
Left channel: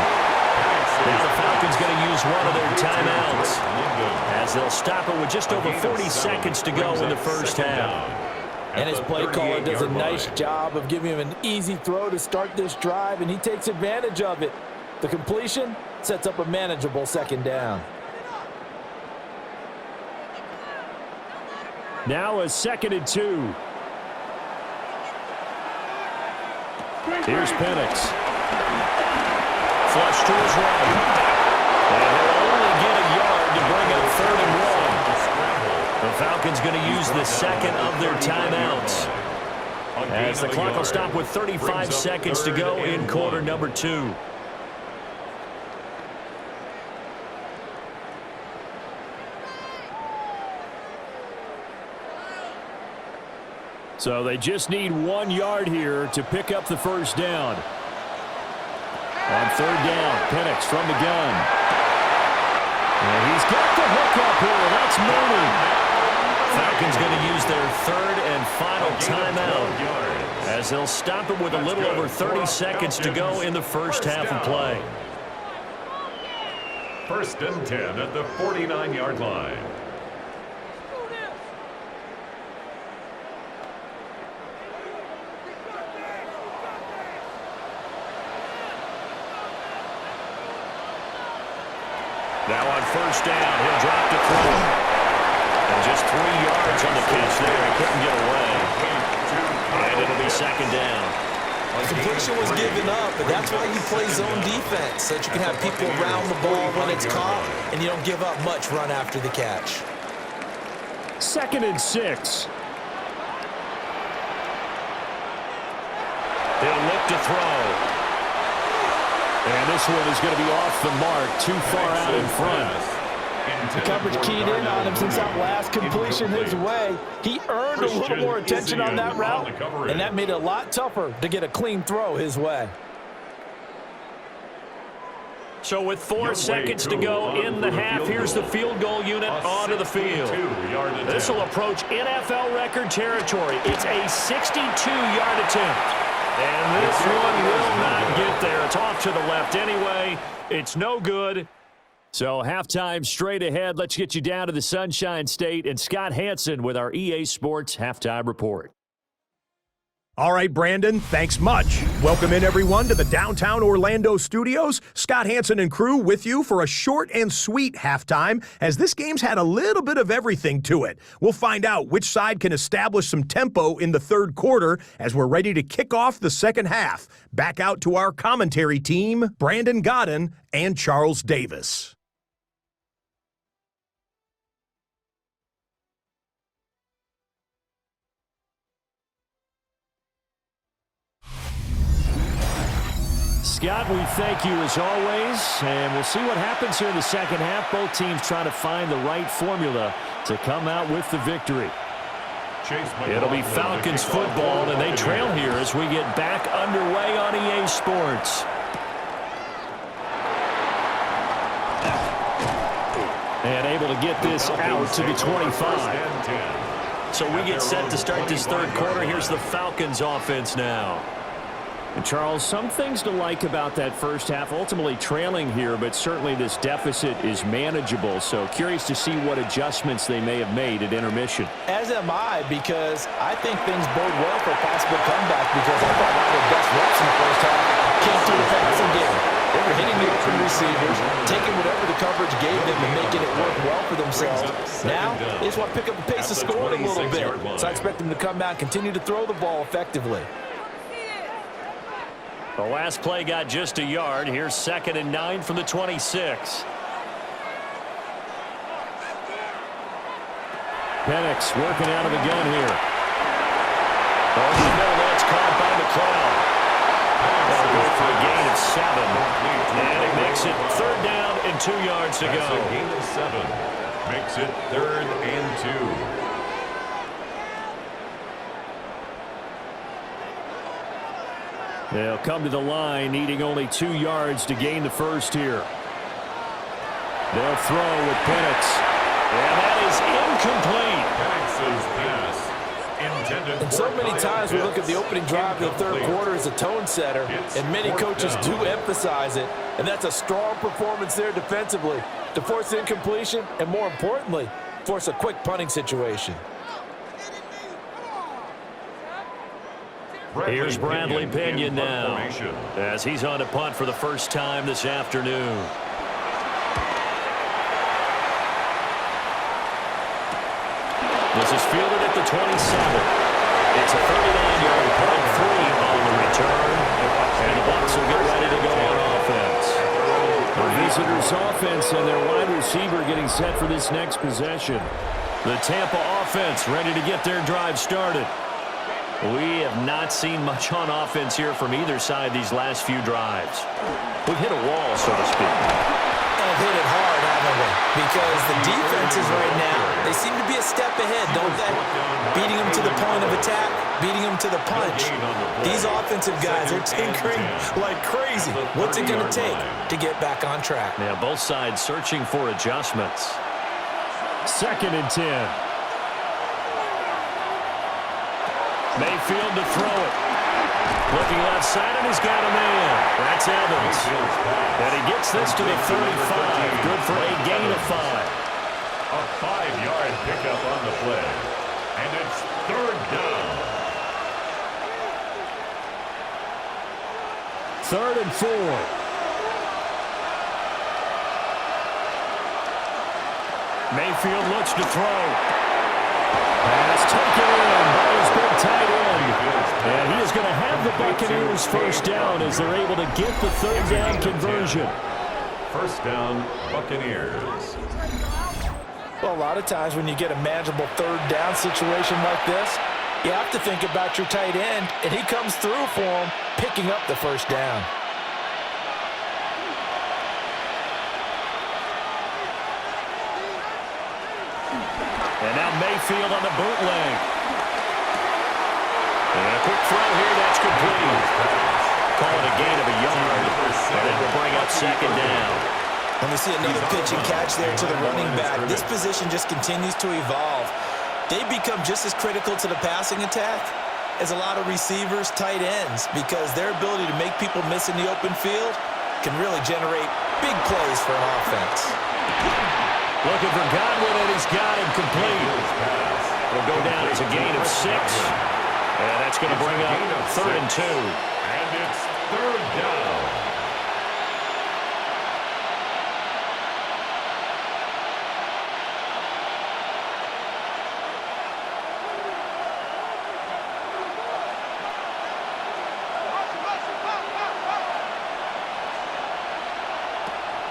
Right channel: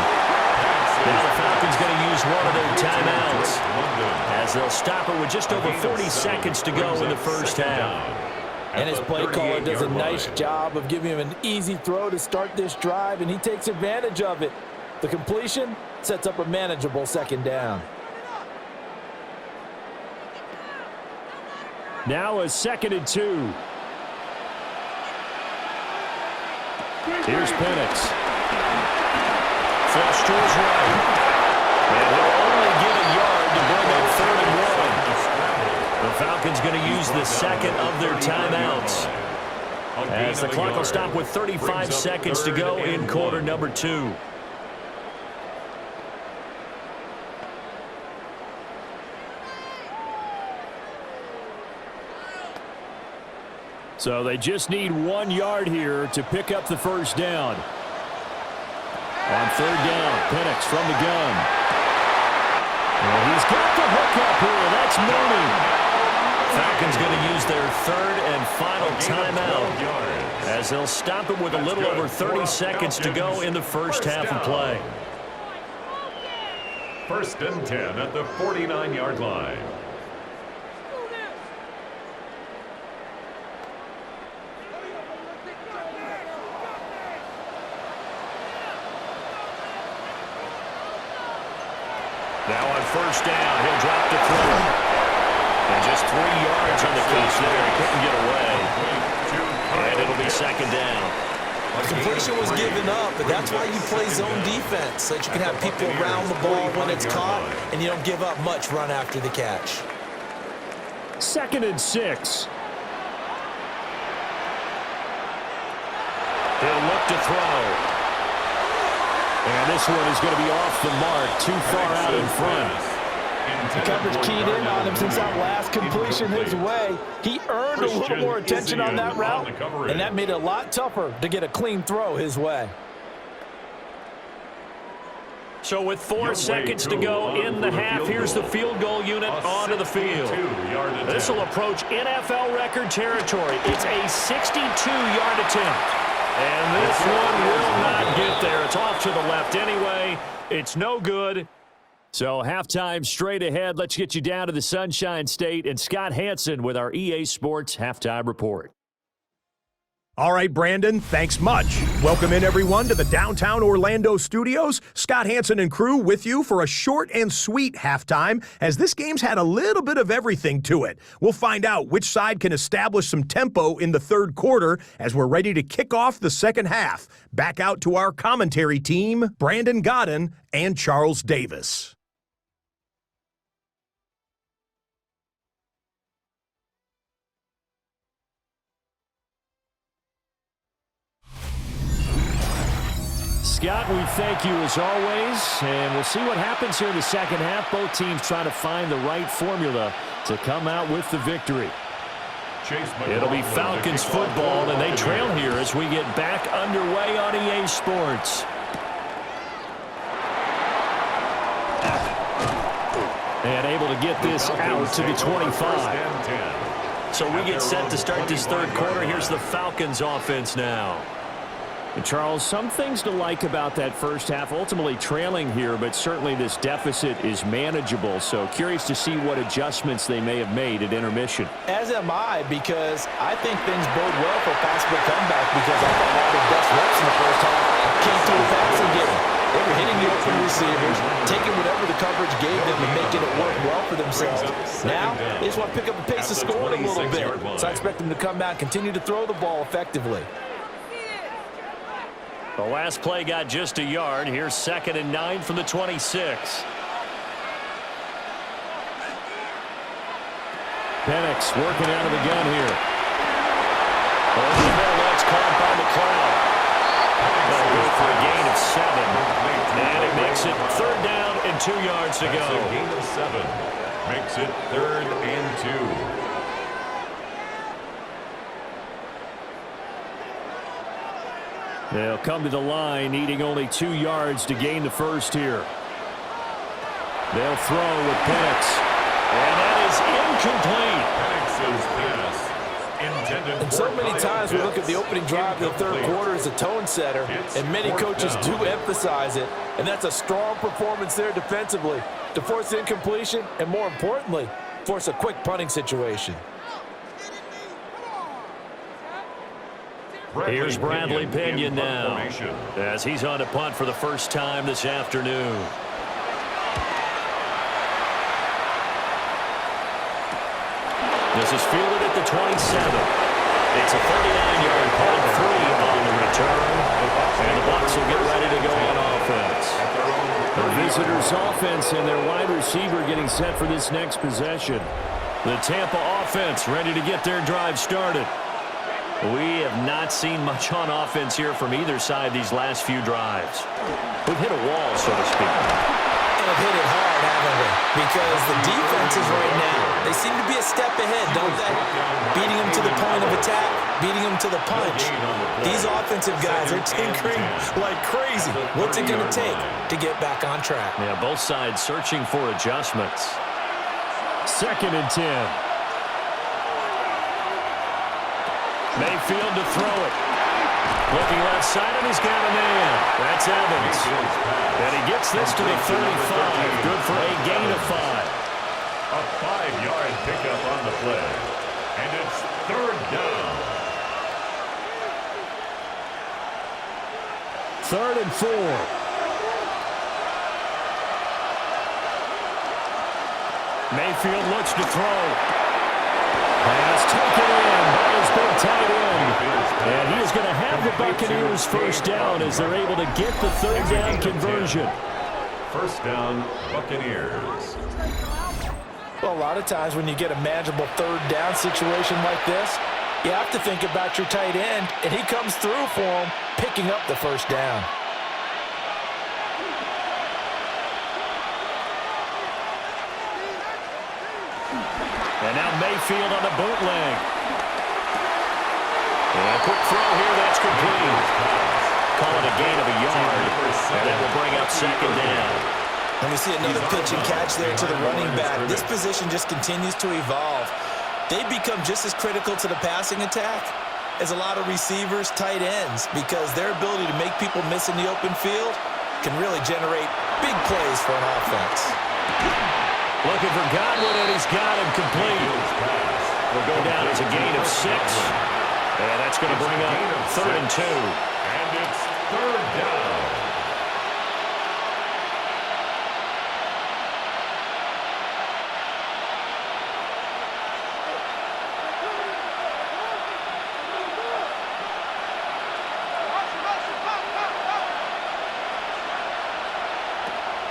Now the Falcons going to use one of their timeouts as they'll stop it with just over 40 seconds to go in the first half. And his play caller does a nice job of giving him an easy throw to start this drive, and he takes advantage of it. The completion sets up a manageable 2nd down. Now a 2nd and 2. Here's Penix. Flush to his right. And he'll only get a yard to bring up 3rd and 1. The Falcons going to use the 2nd of their timeouts. As the clock will stop with 35 seconds to go in quarter number 2. So they just need 1 yard here to pick up the first down. On 3rd down, Penix from the gun. And he's got the hook up here. That's Mooney. Falcons going to use their 3rd and final timeout as they'll stop it with a little over 30 seconds to go in the first half of play. 1st and 10 at the 49-yard line. Now on first down, he'll drop to throw. And just 3 yards on the catch there. He couldn't get away. And it'll be second down. Completion was given up, but that's why you play zone defense, so that you can have people around the ball when it's caught, and you don't give up much run after the catch. 2nd and 6. He'll look to throw. And this one is going to be off the mark, too far out in front. The coverage keyed in on him since that last completion his way. He earned a little more attention on that route, and that made it a lot tougher to get a clean throw his way. So with 4 seconds to go in the half, here's the field goal unit onto the field. This will approach NFL record territory. It's a 62-yard attempt. And this one will not get there. It's off to the left anyway. It's no good. So halftime straight ahead. Let's get you down to the Sunshine State and Scott Hansen with our EA Sports Halftime Report. All right, Brandon, thanks much. Welcome in, everyone, to the downtown Orlando studios. Scott Hansen and crew with you for a short and sweet halftime, as this game's had a little bit of everything to it. We'll find out which side can establish some tempo in the third quarter as we're ready to kick off the second half. Back out to our commentary team, Brandon Godden and Charles Davis. Scott, we thank you as always, and we'll see what happens here in the second half. Both teams trying to find the right formula to come out with the victory. It'll be Falcons football, and they trail here as we get back underway on EA Sports. And able to get this out to the 25. So we get set to start this third quarter. Here's the Falcons offense now. And Charles, some things to like about that first half, ultimately trailing here, but certainly this deficit is manageable. So curious to see what adjustments they may have made at intermission. As am I, because I think things bode well for a possible comeback, because I thought one of their best reps in the first half came through the passing game. They were hitting the open receivers, taking whatever the coverage gave them and making it work well for themselves. Now, they just want to pick up the pace of scoring a little bit. So I expect them to come out and continue to throw the ball effectively. The last play got just a yard. Here's 2nd and 9 from the 26. Penix working out of the gun here. Over the middle, that's caught by McLeod. That'll go for a gain of 7. And it makes it 3rd down and 2 yards to go. That's a gain of 7. Makes it 3rd and 2. They'll come to the line, needing only 2 yards to gain the first here. They'll throw with Penix. And that is incomplete. Penix's pass intended. And so many times we look at the opening drive of the third quarter as a tone setter, and many coaches do emphasize it. And that's a strong performance there defensively to force incompletion and, more importantly, force a quick punting situation. Here's Bradley Pinion now, as he's on a punt for the first time this afternoon. This is fielded at the 27. It's a 39-yard punt, 3 on the return, and the Bucs will get ready to go on offense. The visitors' offense and their wide receiver getting set for this next possession. The Tampa offense ready to get their drive started. We have not seen much on offense here from either side these last few drives. We've hit a wall, so to speak. And have hit it hard, haven't we? Because the defenses right now, they seem to be a step ahead, don't they? Beating them to the point of attack, beating them to the punch. These offensive guys are tinkering like crazy. What's it going to take to get back on track? Yeah, both sides searching for adjustments. 2nd and 10. Mayfield to throw it. Looking left side, and he's got a man. That's Evans. And he gets this to the 35. Good for a gain of 5. A 5-yard pickup on the play. And it's 3rd down. 3rd and 4. Mayfield looks to throw. Pass taken in by his big tight end. And he is going to have the Buccaneers first down as they're able to get the third down conversion. First down, Buccaneers. Well, a lot of times when you get a manageable third down situation like this, you have to think about your tight end, and he comes through for him, picking up the first down. And now Mayfield on the bootleg. And a quick throw here, that's complete. Call it a gain of a yard, and that will bring up second down. And we see another pitch and catch there to the running back. This position just continues to evolve. They become just as critical to the passing attack as a lot of receivers, tight ends, because their ability to make people miss in the open field can really generate big plays for an offense. Looking for Godwin, and he's got him complete. It'll go down as a gain of 6. And that's going to bring up 3rd and 2. And it's 3rd down.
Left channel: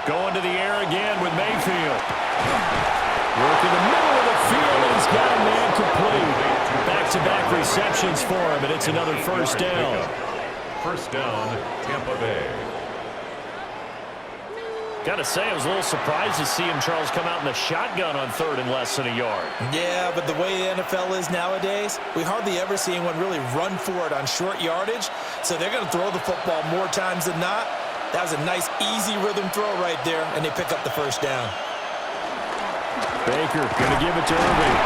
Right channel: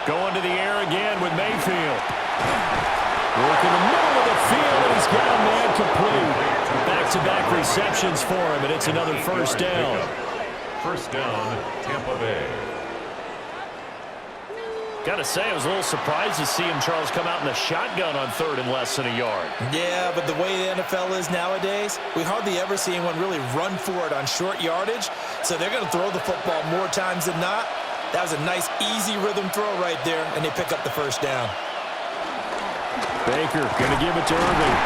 Going to the air again with Mayfield. Working the middle of the field, and he's got a man complete. Back-to-back receptions for him, and it's another first down. First down, Tampa Bay. Got to say, I was a little surprised to see him, Charles, come out in the shotgun on 3rd and less than a yard. Yeah, but the way the NFL is nowadays, we hardly ever see anyone really run for it on short yardage, so they're going to throw the football more times than not. That was a nice, easy rhythm throw right there, and they pick up the first down. Baker going to give it to Irving.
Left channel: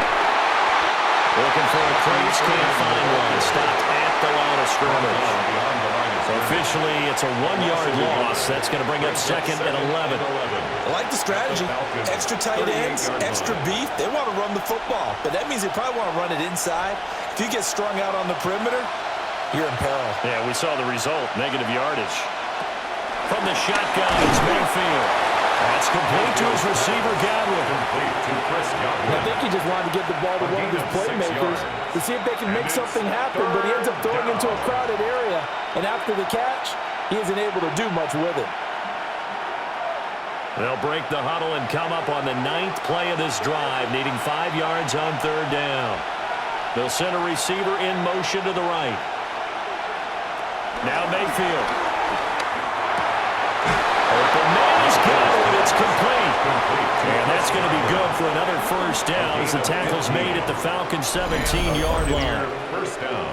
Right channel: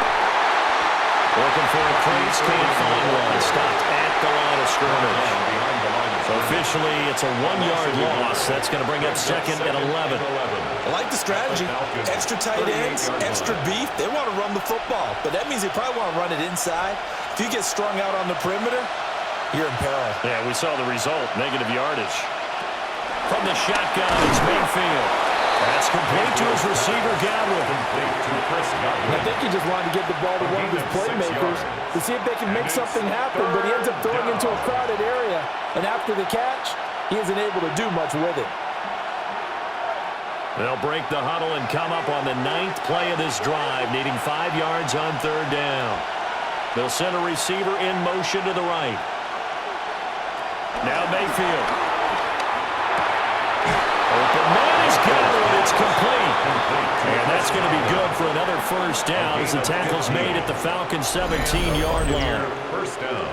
Looking for a crease, can't find one. Stopped at the line of scrimmage. So officially, it's a 1-yard loss. That's going to bring up 2nd and 11. I like the strategy. Extra tight ends, extra beef. They want to run the football, but that means they probably want to run it inside. If you get strung out on the perimeter, you're in peril. Yeah, we saw the result, negative yardage. From the shotgun, it's Mayfield. That's complete to his receiver, Godwin. I think he just wanted to get the ball to one of his playmakers to see if they can make something happen, but he ends up throwing into a crowded area. And after the catch, he isn't able to do much with it. They'll break the huddle and come up on the 9th play of this drive, needing 5 yards on 3rd down. They'll send a receiver in motion to the right. Now Mayfield. Open man is Godwin. It's complete. And that's going to be good for another first down as the tackle's made at the Falcons' 17-yard line. First down.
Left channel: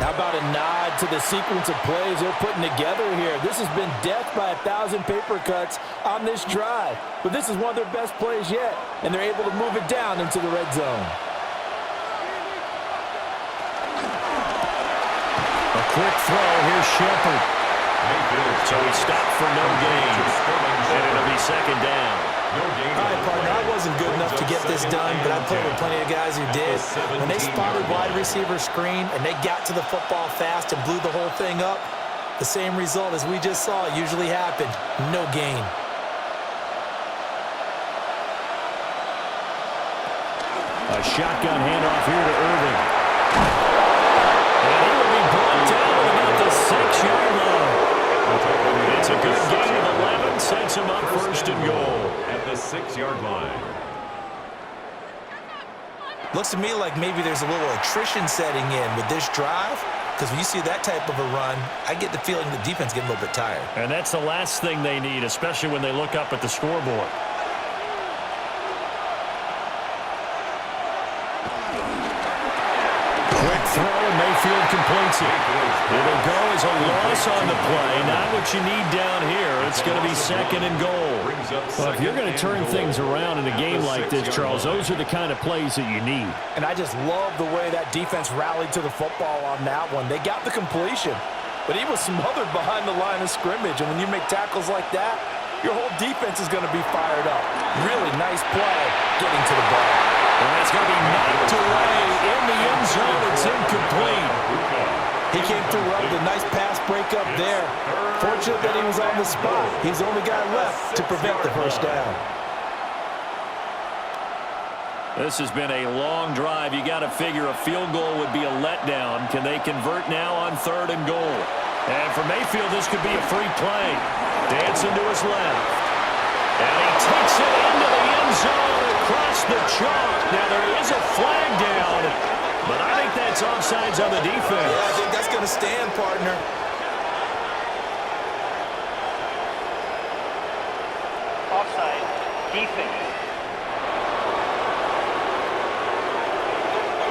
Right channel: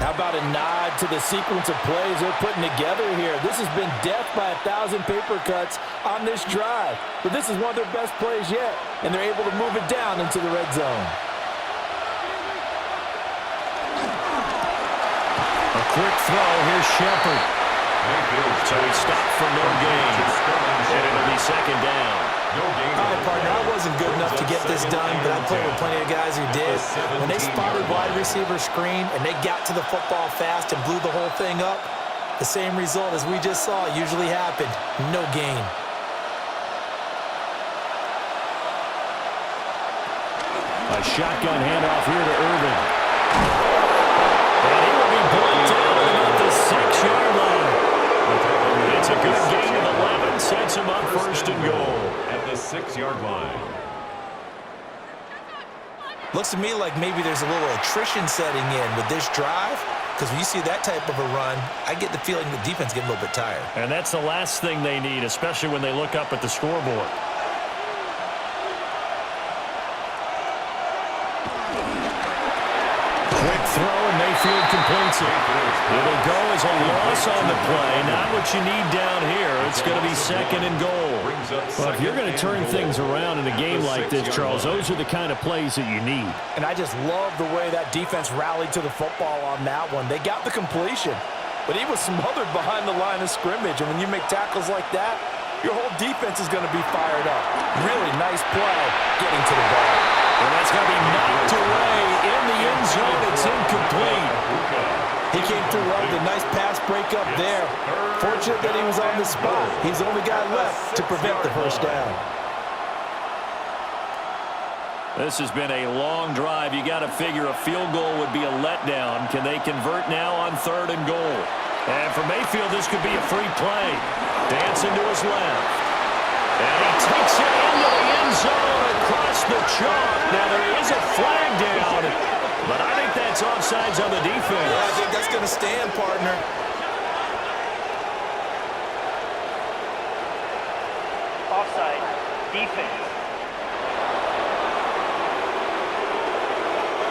How about a nod to the sequence of plays they're putting together here? This has been death by 1,000 paper cuts on this drive. But this is one of their best plays yet, and they're able to move it down into the red zone. A quick throw. Here's Shepard. So he stopped for no gain. And it'll be 2nd down. All right, partner, I wasn't good enough to get this done, but I played with plenty of guys who did. When they spotted wide receiver screen and they got to the football fast and blew the whole thing up, the same result as we just saw usually happened. No gain. A shotgun handoff here to Irving. And he will be brought down at about the 6-yard line. It's a good gain of 11, sets him up 1st and goal. At the 6-yard line. Looks to me like maybe there's a little attrition setting in with this drive, because when you see that type of a run, I get the feeling the defense getting a little bit tired. And that's the last thing they need, especially when they look up at the scoreboard. Quick throw, and Mayfield completes it. It'll go as a loss on the play. Not what you need down here. It's going to be 2nd and goal. Well, if you're going to turn things around in a game like this, Charles, those are the kind of plays that you need. And I just love the way that defense rallied to the football on that one. They got the completion, but he was smothered behind the line of scrimmage. And when you make tackles like that, your whole defense is going to be fired up. Really nice play getting to the ball. And that's going to be knocked away in the end zone. It's incomplete. He came through well with a nice pass breakup there. Fortunate that he was on the spot. He's the only guy left to prevent the first down. This has been a long drive. You got to figure a field goal would be a letdown. Can they convert now on 3rd and goal? And for Mayfield, this could be a free play. Dancing to his left. And he takes it into the end zone across the chalk. Now there is a flag down, but I think that's offsides on the defense. Yeah, I think that's going to stand, partner. Offside, defense.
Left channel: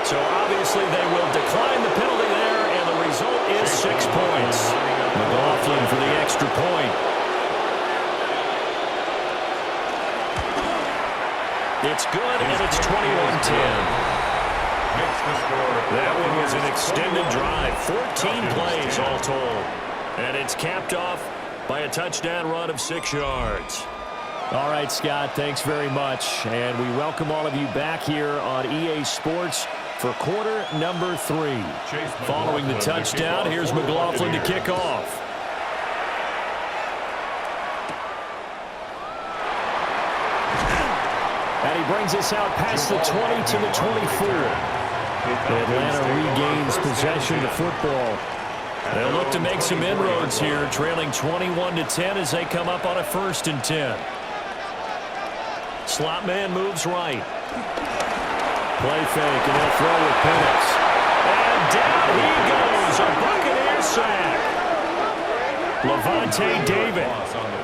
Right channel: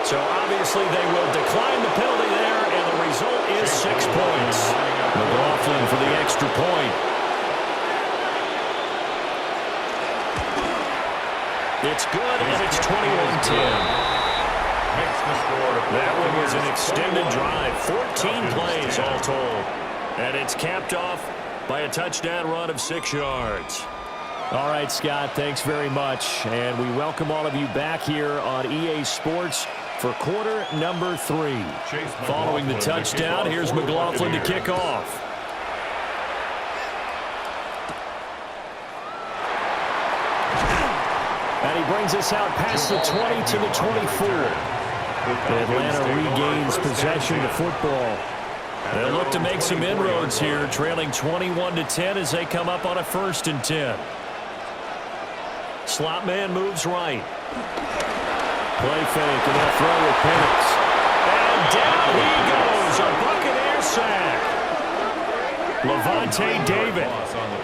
So obviously they will decline the penalty there, and the result is 6 points. McLaughlin for the extra point. It's good, and it's 21-10. That one was an extended drive, 14 plays all told. And it's capped off by a touchdown run of 6 yards. All right, Scott, thanks very much. And we welcome all of you back here on EA Sports for quarter number 3. Following the touchdown, here's McLaughlin to kick off. And he brings us out past the 20 to the 24. Atlanta regains possession of the football. They'll look to make some inroads here, trailing 21-10 as they come up on a 1st and 10. Slot man moves right. Play fake, and he'll throw with Penix. And down he goes, a Buccaneer sack. Levante David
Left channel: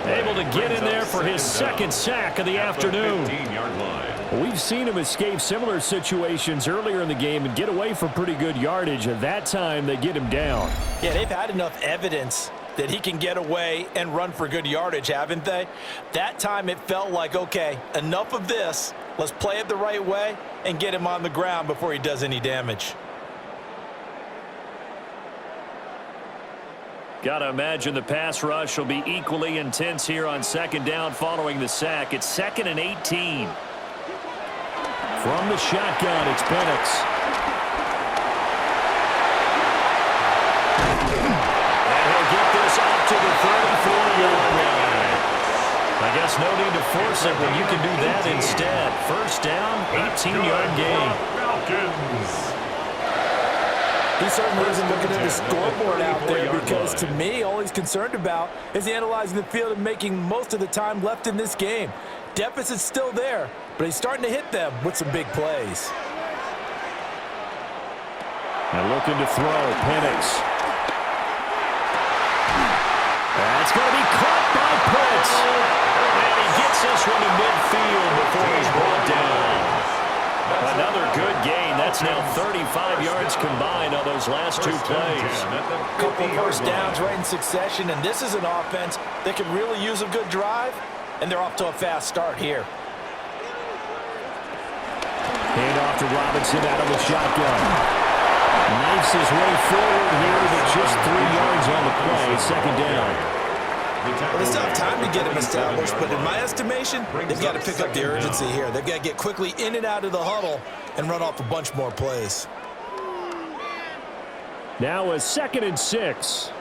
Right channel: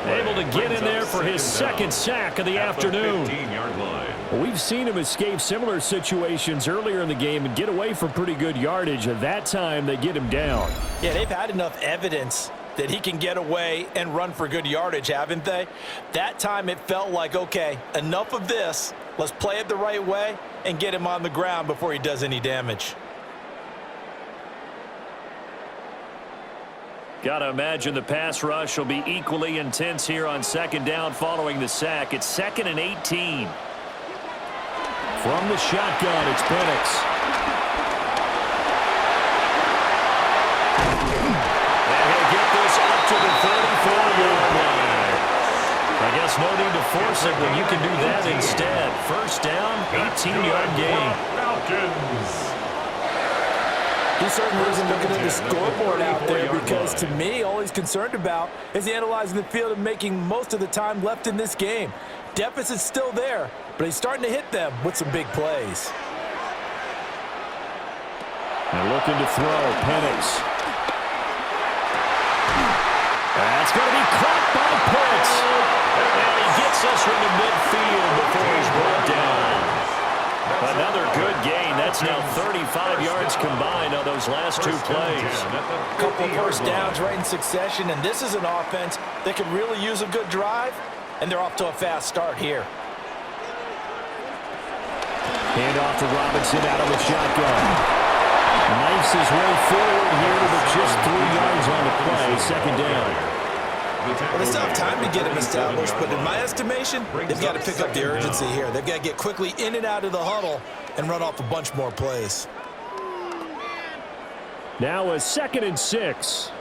able to get in there for his 2nd sack of the afternoon. We've seen him escape similar situations earlier in the game and get away for pretty good yardage. At that time, they get him down. Yeah, they've had enough evidence that he can get away and run for good yardage, haven't they? That time it felt like, okay, enough of this. Let's play it the right way and get him on the ground before he does any damage. Got to imagine the pass rush will be equally intense here on 2nd down following the sack. It's 2nd and 18. From the shotgun, it's Penix. And he'll get this up to the 34-yard line. I guess no need to force it when you can do that instead. 1st down, 18-yard gain. Falcons. He certainly isn't looking at the scoreboard out there because, to me, all he's concerned about is analyzing the field and making most of the time left in this game. Deficit's still there, but he's starting to hit them with some big plays. And looking to throw, Penix. That's going to be caught by Pitts. And he gets this one to midfield before he's brought down. Another good gain. That's now 35 yards combined on those last 2 plays. A couple of 1st downs right in succession, and this is an offense that can really use a good drive, and they're off to a fast start here. Hand off to Robinson out of the shotgun. Knifes his way forward here, but just 3 yards on the play. 2nd down. Well, they still have time to get him established, but in my estimation, they've got to pick up the urgency here. They've got to get quickly in and out of the huddle and run off a bunch more plays. Now a 2nd and 6.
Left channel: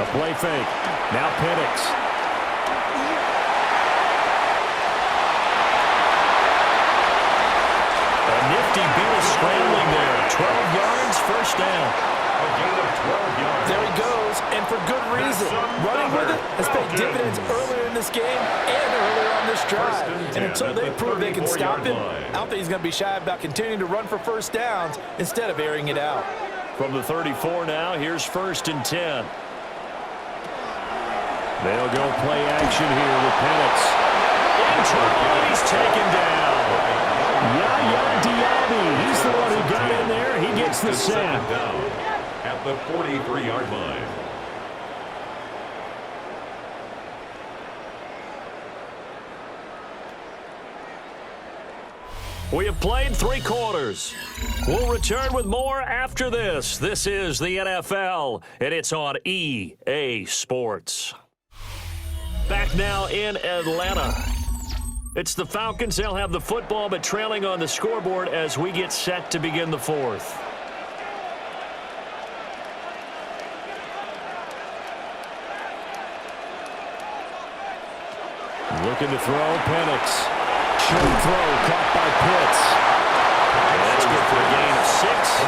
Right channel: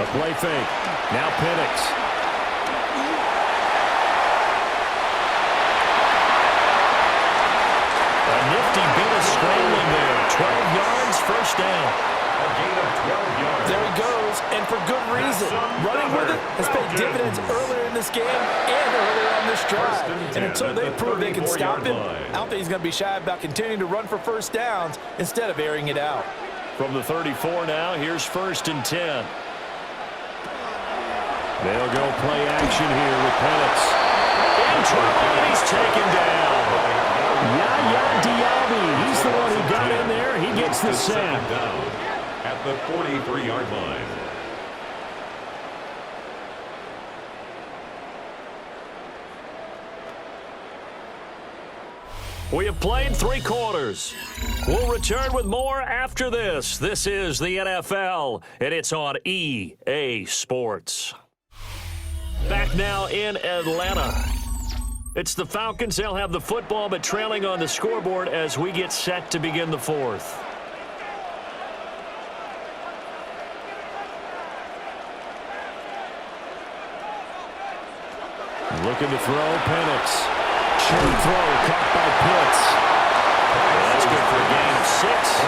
A play fake. Now Penix. A nifty beat of scrambling there. 12 yards, 1st down. A gain of 12 yards. There he goes, and for good reason. Running with it has paid dividends earlier in this game and earlier on this drive. And until they prove they can stop him, I don't think he's going to be shy about continuing to run for 1st downs instead of airing it out. From the 34 now, here's 1st and 10. They'll go play action here with Penix. In trouble, and he's taken down. Yaya Diaby, he's the one who got in there. He gets the sack. Down at the 43-yard line. We have played 3 quarters. We'll return with more after this. This is the NFL, and it's on EA Sports. Back now in Atlanta. It's the Falcons. They'll have the football, but trailing on the scoreboard as we get set to begin the fourth. Looking to throw, Penix. Short throw, caught by Pitts. And that's good for a gain of 6.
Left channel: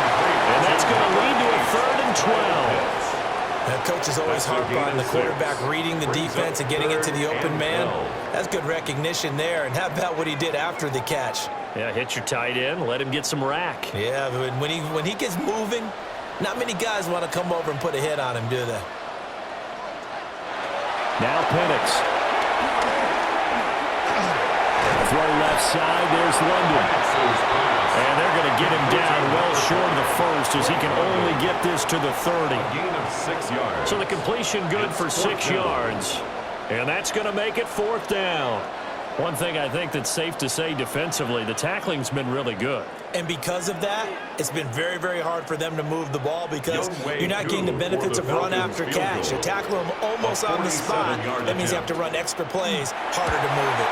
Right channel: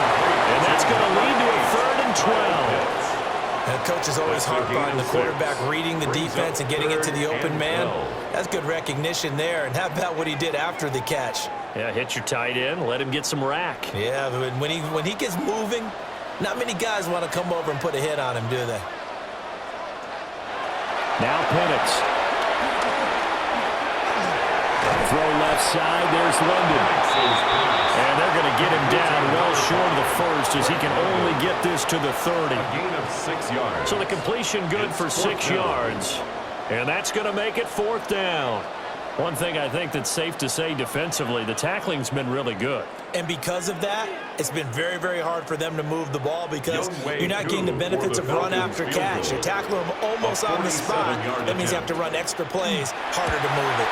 And that's going to lead to a 3rd and 12. And coach is always harp on the quarterback reading the defense and getting it to the open man. That's good recognition there. And how about what he did after the catch? Yeah, hit your tight end, let him get some rack. Yeah, but when he gets moving, not many guys want to come over and put a hit on him, do they? Now Penix. Throw left side, there's London. And they're going to get him down well short of the first as he can only get this to the 30. A gain of 6 yards. So the completion good for 6 yards. And that's going to make it 4th down. One thing I think that's safe to say defensively, the tackling's been really good. And because of that, it's been very, very hard for them to move the ball because you're not getting the benefits of run after catch. You're tackling them almost on the spot. That means you have to run extra plays, harder to move it.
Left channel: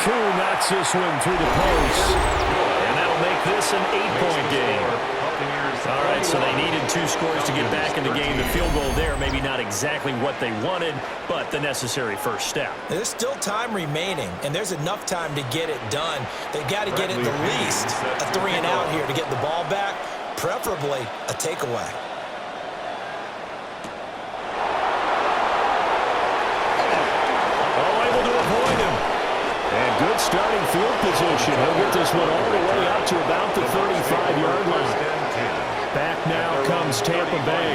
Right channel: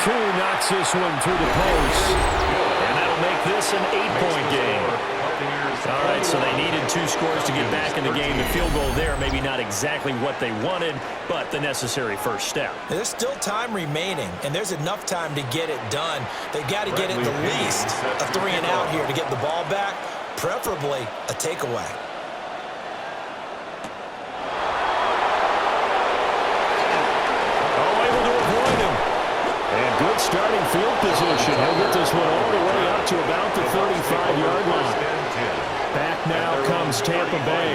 Koo knocks this one through the post. And that'll make this an 8-point game. All right, so they needed 2 scores to get back in the game. The field goal there, maybe not exactly what they wanted, but the necessary first step. There's still time remaining, and there's enough time to get it done. They've got to get at the least a 3-and-out here to get the ball back, preferably a takeaway. Oh, able to avoid him. And good starting field position. He'll get this one all the way up to about the 35-yard line. Back now comes Tampa Bay.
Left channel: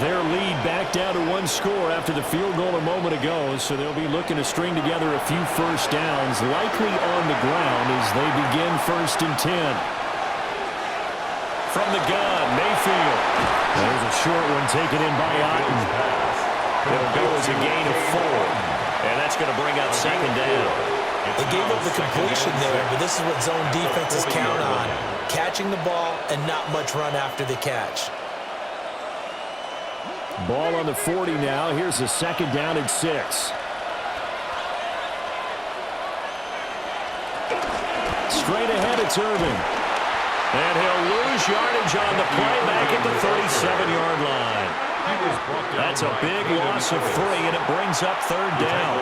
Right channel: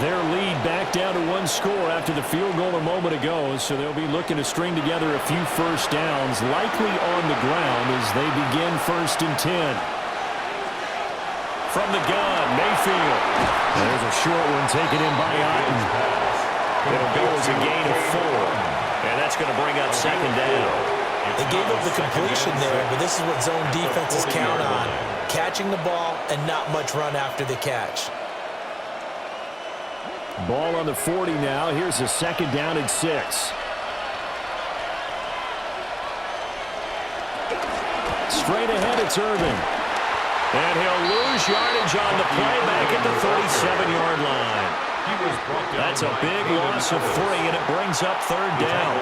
Their lead back down to 1 score after the field goal a moment ago, so they'll be looking to string together a few first downs, likely on the ground as they begin 1st and 10. From the gun, Mayfield. There's a short one taken in by Otten. It'll go as a gain of 4, and that's going to bring up 2nd down. They gave up the completion there, but this is what zone defenses count on, catching the ball and not much run after the catch. Ball on the 40 now. Here's a 2nd down and 6. Straight ahead, it's Irvin. And he'll lose yardage on the play back at the 37-yard line. That's a big loss of 3, and it brings up 3rd down.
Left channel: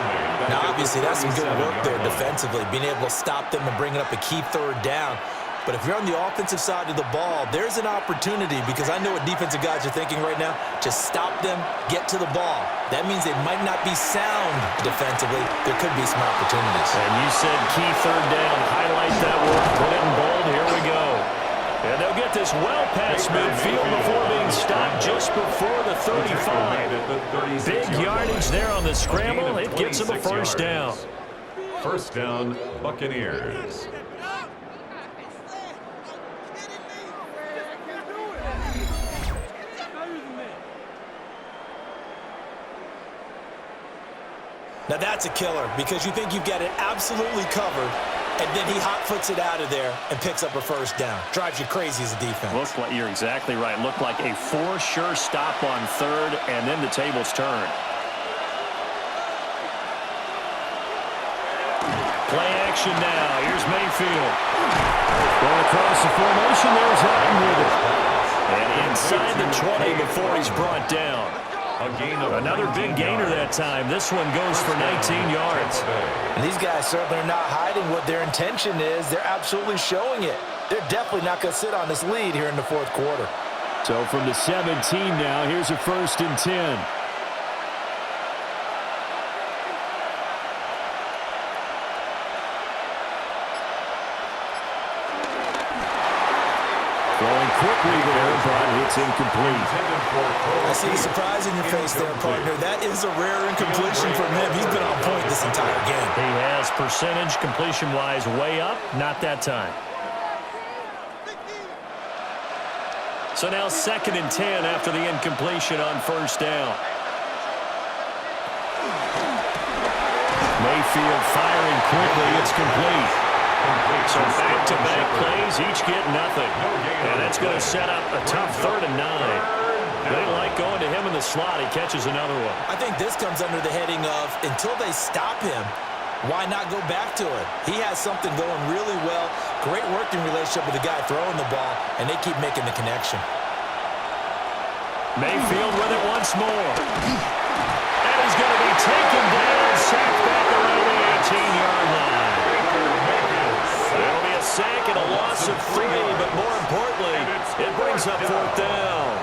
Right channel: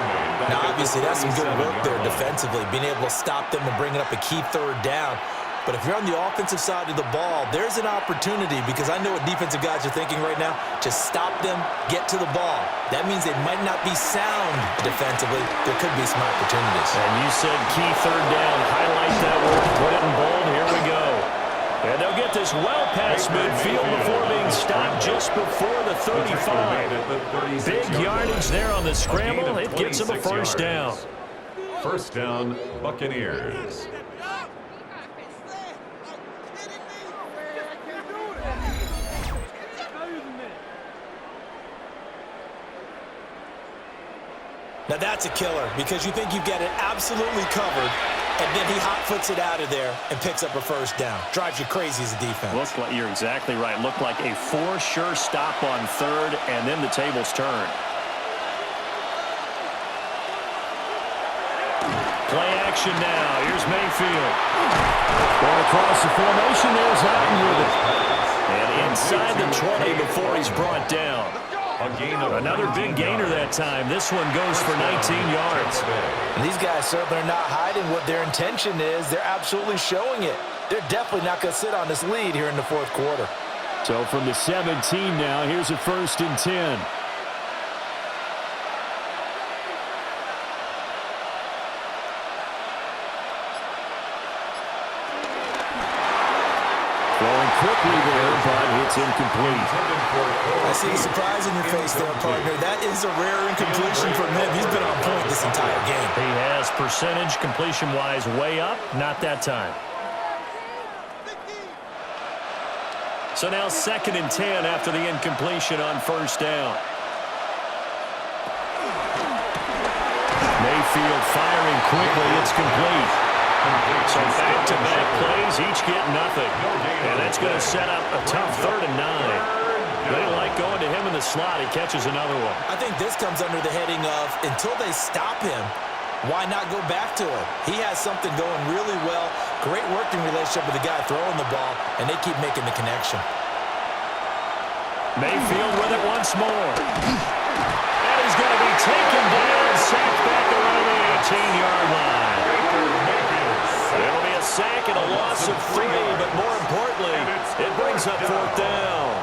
Now, obviously, that's some good work there defensively, being able to stop them and bringing up a key 3rd down. But if you're on the offensive side of the ball, there's an opportunity because I know what defensive guys are thinking right now. Just stop them, get to the ball. That means they might not be sound defensively. There could be some opportunities. And you said key 3rd down. Highlight that word. Put it in bold. Here we go. And they'll get this well past midfield before being stopped just before the 35. Big yardage there on the scramble. It gets them a 1st down. 1st down, Buccaneers. Now that's a killer because you think you've got it absolutely covered, and then he hot-foots it out of there and picks up a 1st down. Drives you crazy as a defense. Looks like you're exactly right. Looked like a 4 sure stop on 3rd, and then the tables turned. Play action now. Here's Mayfield. Going across the formation. There's Otten with it. And inside the 20 before he's brought down. Another big gainer that time. This one goes for 19 yards. And these guys certainly are not hiding what their intention is. They're absolutely showing it. They're definitely not going to sit on this lead here in the 4th quarter. So from the 17 now, here's a 1st and 10. Throwing quickly there, but it's incomplete. I see the surprise in your face there, partner. That is a rare incompletion from him. He's been on point this entire game. He has percentage completion-wise way up, not that time. So now 2nd and 10 after the incompletion on 1st down. Mayfield firing quickly. It's complete. So back-to-back plays, each get nothing. And that's going to set up a tough 3rd and 9. They like going to him in the slot. He catches another one. I think this comes under the heading of until they stop him, Why not go back to it? He has something going really well. Great working relationship with the guy throwing the ball, and they keep making the connection. Mayfield with it once more. And he's going to be taken down, sacked back around the 18-yard line. It'll be a sack and a loss of 3, but more importantly, it brings up 4th down.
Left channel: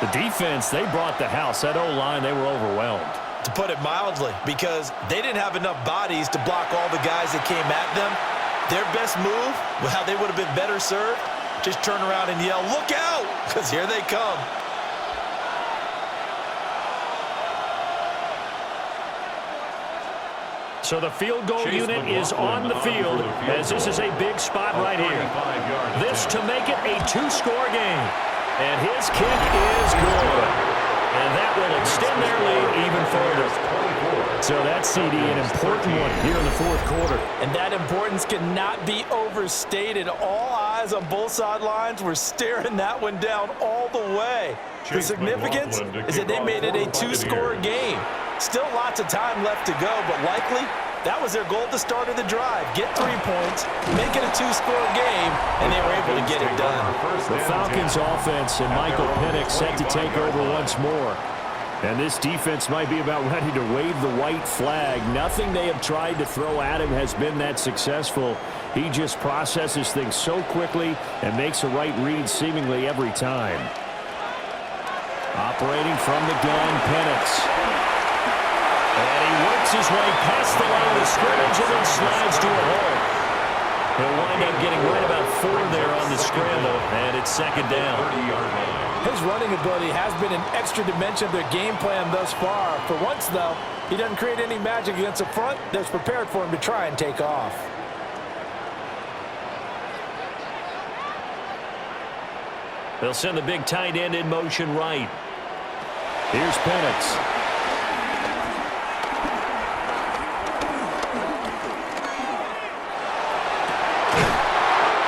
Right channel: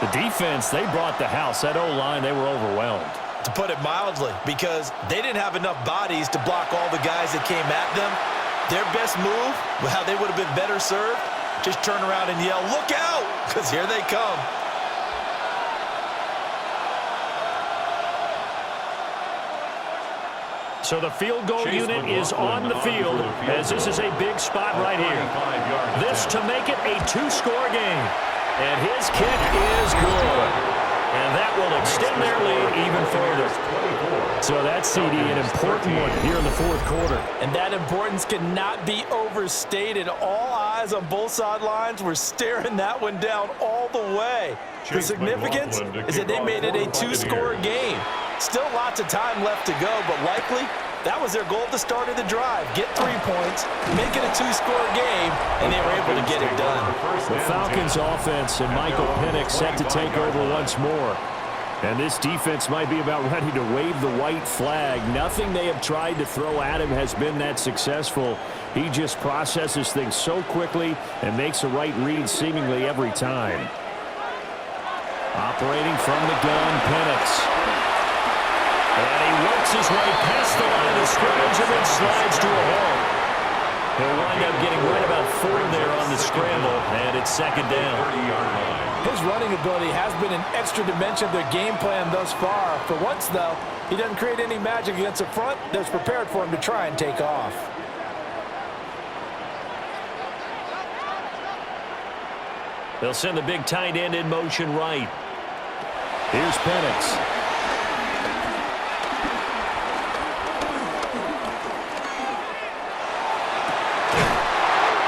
The defense, they brought the house. That O-line, they were overwhelmed. To put it mildly, because they didn't have enough bodies to block all the guys that came at them. Their best move, well, how they would have been better served, just turn around and yell, "Look out!" because here they come. So the field goal unit is on the field, as this is a big spot right here. This to make it a 2-score game. And his kick is good. And that will extend their lead even further. So that's, CD, an important one here in the 4th quarter. And that importance cannot be overstated. All eyes on both sidelines were staring that one down all the way. The significance is that they made it a 2-score game. Still lots of time left to go, but likely that was their goal at the start of the drive. Get 3 points, make it a 2-score game, and they were able to get it done. The Falcons offense and Michael Penix set to take over once more. And this defense might be about ready to wave the white flag. Nothing they have tried to throw at him has been that successful. He just processes things so quickly and makes a right read seemingly every time. Operating from the gun, Penix. And he works his way past the line of the scrimmage and then slides to a hole. He'll wind up getting right about 4 there on the scramble, and it's 2nd down. His running ability has been an extra dimension of their game plan thus far. For once, though, he doesn't create any magic against the front that's prepared for him to try and take off. They'll send the big tight end in motion right. Here's Penix.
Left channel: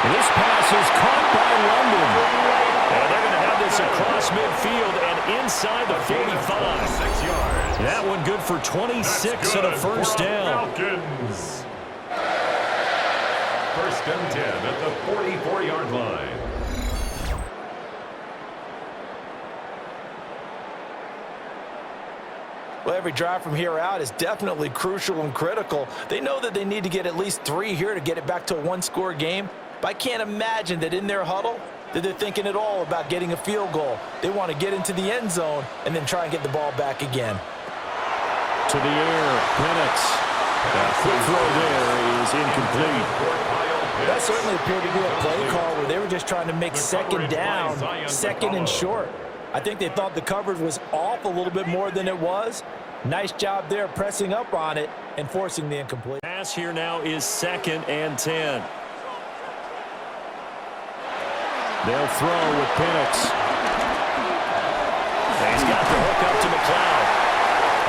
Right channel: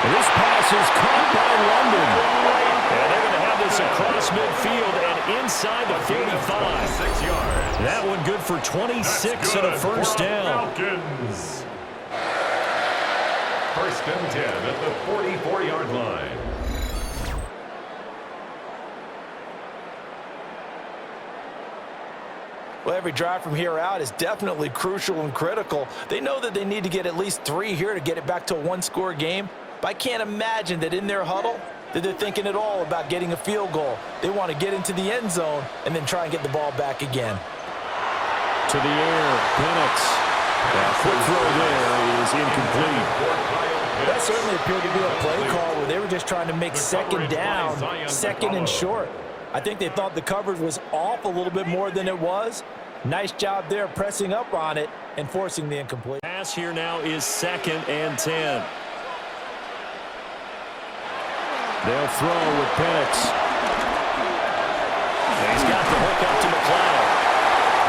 This pass is caught by London. And they're going to have this across midfield and inside the 45. 6 yards. That one good for 26 and a first down. Falcons. 1st and 10 at the 44-yard line. Well, every drive from here out is definitely crucial and critical. They know that they need to get at least 3 here to get it back to a 1-score game. But I can't imagine that in their huddle that they're thinking at all about getting a field goal. They want to get into the end zone and then try and get the ball back again. To the air, Penix. That quick throw there is incomplete. That certainly appeared to be a play call where they were just trying to make 2nd down, 2nd and short. I think they thought the coverage was off a little bit more than it was. Nice job there pressing up on it and forcing the incomplete. Pass here now is 2nd and 10. They'll throw with Penix. He's got the hook up to McLeod.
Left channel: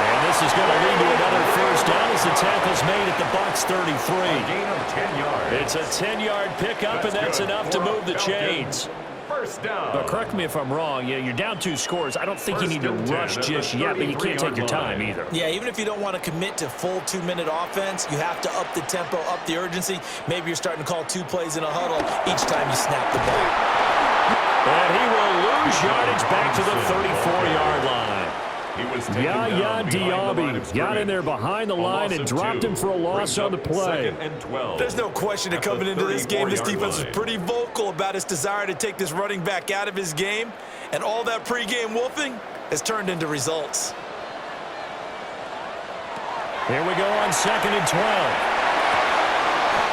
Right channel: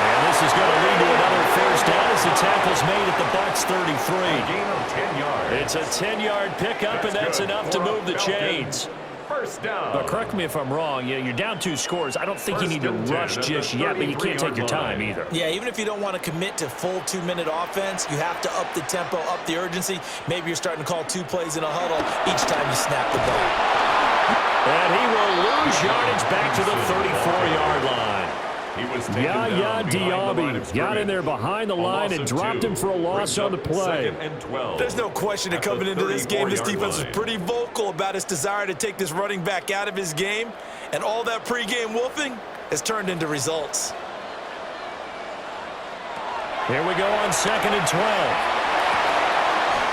And this is going to lead to another first down as the tackle's made at the Bucs 33. A gain of 10 yards. It's a 10-yard pickup, and that's enough to move the chains. First down. But correct me if I'm wrong. You're down 2 scores. I don't think you need to rush just yet, but you can't take your time either. Yeah, even if you don't want to commit to full 2-minute offense, you have to up the tempo, up the urgency. Maybe you're starting to call 2 plays in a huddle each time you snap the ball. And he will lose yardage back to the 34-yard line. Yaya Diaby got in there behind the line and dropped him for a loss on the play. There's no question that coming into this game, this defense was pretty vocal about its desire to take this running back out of his game, and all that pregame wolfing has turned into results. Here we go on 2nd and 12.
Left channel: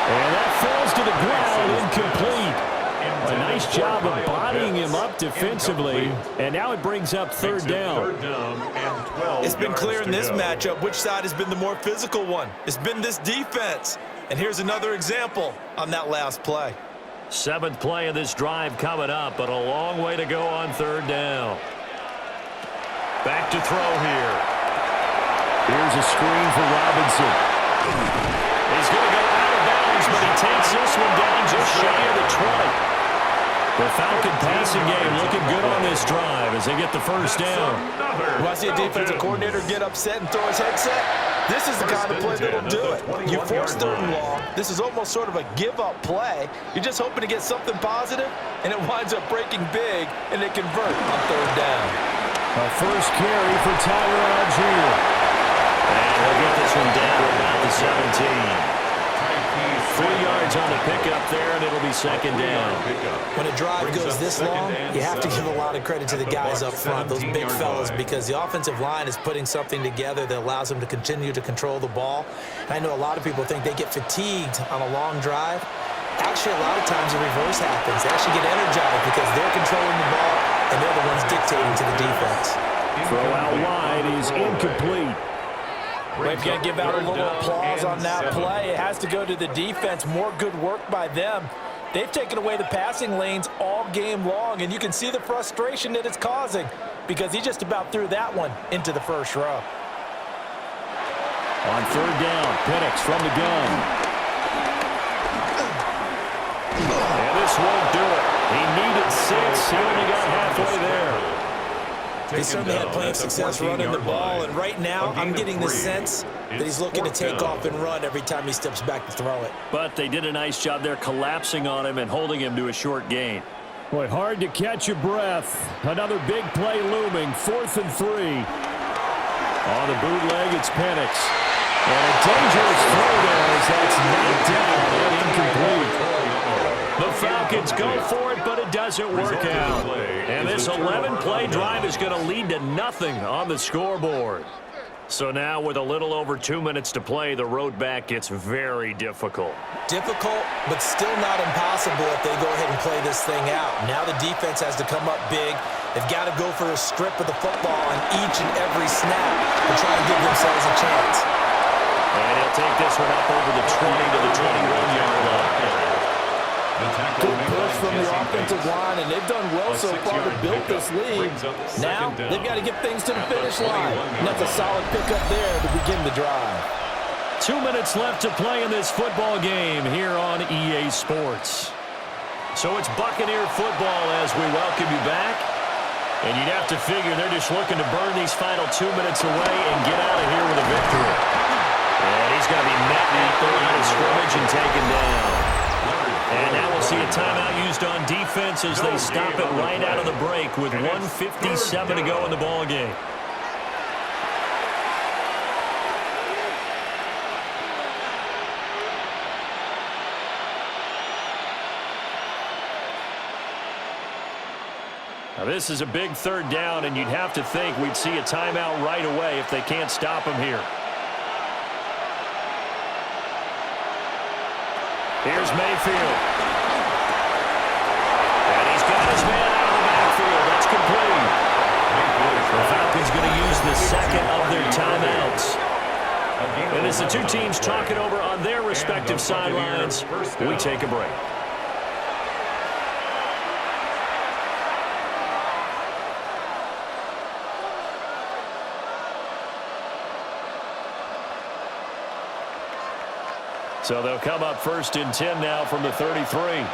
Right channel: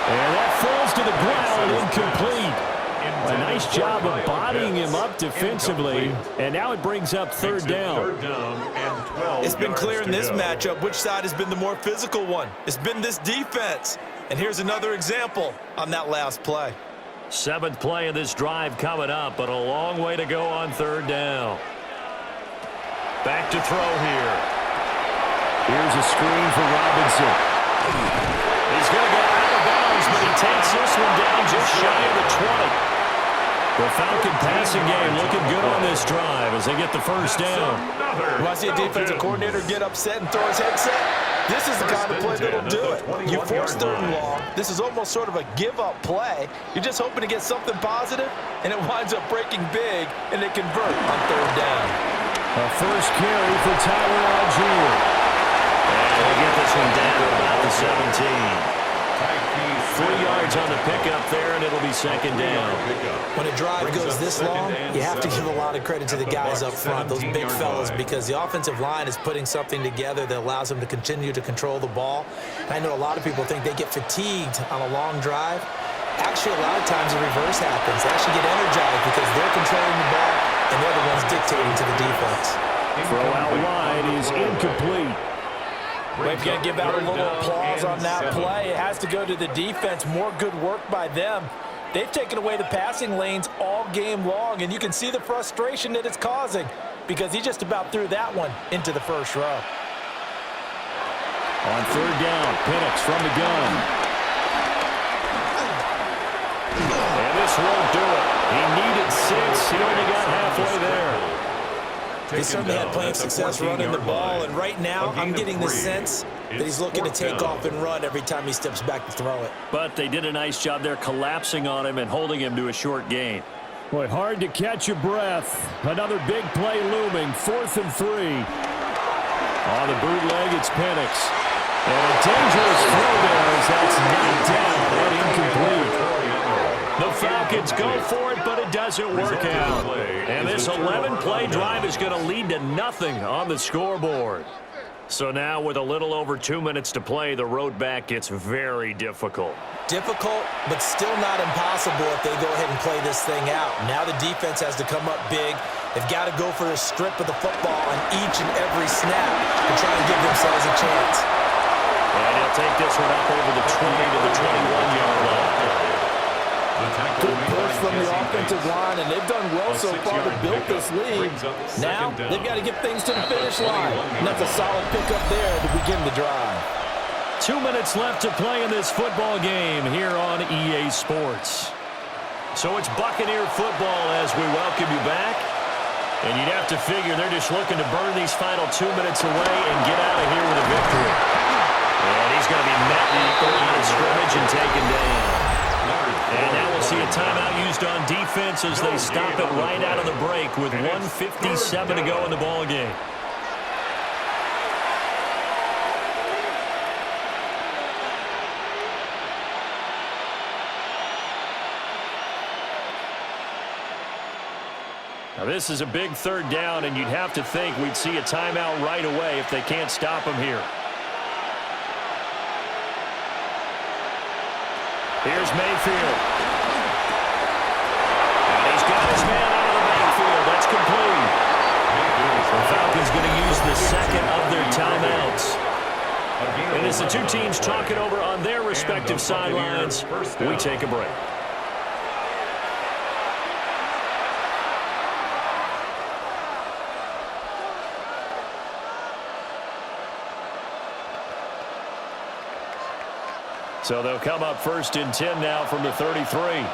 And that falls to the ground, incomplete. A nice job of bodying him up defensively, and now it brings up 3rd down. It's been clear in this matchup which side has been the more physical one. It's been this defense. And here's another example on that last play. 7th play of this drive coming up, but a long way to go on 3rd down. Back to throw here. Here's a screen for Robinson. He's going to go out of bounds, but he takes this one down just shy of the 20. The Falcon passing game looking good on this drive as they get the first down. When I see a defensive coordinator get upset and throw his headset, this is the kind of play that'll do it. You force 3rd and long. This is almost sort of a give-up play. You're just hoping to get something positive, and it winds up breaking big, and they convert on 3rd down. A first carry for Tyler Algier. And he'll get this one down to about the 17. 3 yards on the pickup there, and it'll be 2nd down. When a drive goes this long, you have to give a lot of credit to the guys up front, those big fellas, because the offensive line is putting something together that allows them to continue to control the ball. And I know a lot of people think they get fatigued on a long drive. Actually, a lot of times the reverse happens. They actually get energized because they're controlling the ball, and they're the ones dictating to the defense. Throw out wide is incomplete. We've got to give out a little applause on that play. It has to go to the defense. More good work by them. They've taken away the passing lanes all game long, and you can see the frustration that it's causing because he just about threw that one into the first row. On 3rd down, Penix from the gun. And this won't do it. He needed 6. He only got halfway there. He certainly had plenty of success running the ball, and right now I'm getting the sense that he's looking to take off and run every time he steps back to throw it. But they did a nice job there collapsing on him and holding him to a short gain. Boy, hard to catch your breath. Another big play looming, 4th and 3. On the bootleg, it's Penix. And a dangerous throw there as that's knocked down and incomplete. The Falcons go for it, but it doesn't work out. And this 11-play drive is going to lead to nothing on the scoreboard. So now with a little over 2 minutes to play, the road back gets very difficult. Difficult, but still not impossible if they go ahead and play this thing out. Now the defense has to come up big. They've got to go for a strip of the football on each and every snap to try and give themselves a chance. And he'll take this one up over the 20 to the 21-yard line. Good push from the offensive line, and they've done well so far to build this lead. Now they've got to get things to the finish line, and that's a solid pickup there to begin the drive. 2 minutes left to play in this football game here on EA Sports. So it's Buccaneer football as we welcome you back. And you'd have to figure they're just looking to burn these final 2 minutes away and get out of here with a victory. And he's going to be met at the line of scrimmage and taken down. And now we'll see a timeout used on defense as they stop it right out of the break with 1:57 to go in the ball game. Now this is a big 3rd down, and you'd have to think we'd see a timeout right away if they can't stop him here. Here's Mayfield. And he's got his man out of the backfield. That's complete. The Falcons going to use the 2nd of their timeouts. And as the two teams talk it over on their respective sidelines, we take a break. So they'll come up 1st and 10 now from the 33. A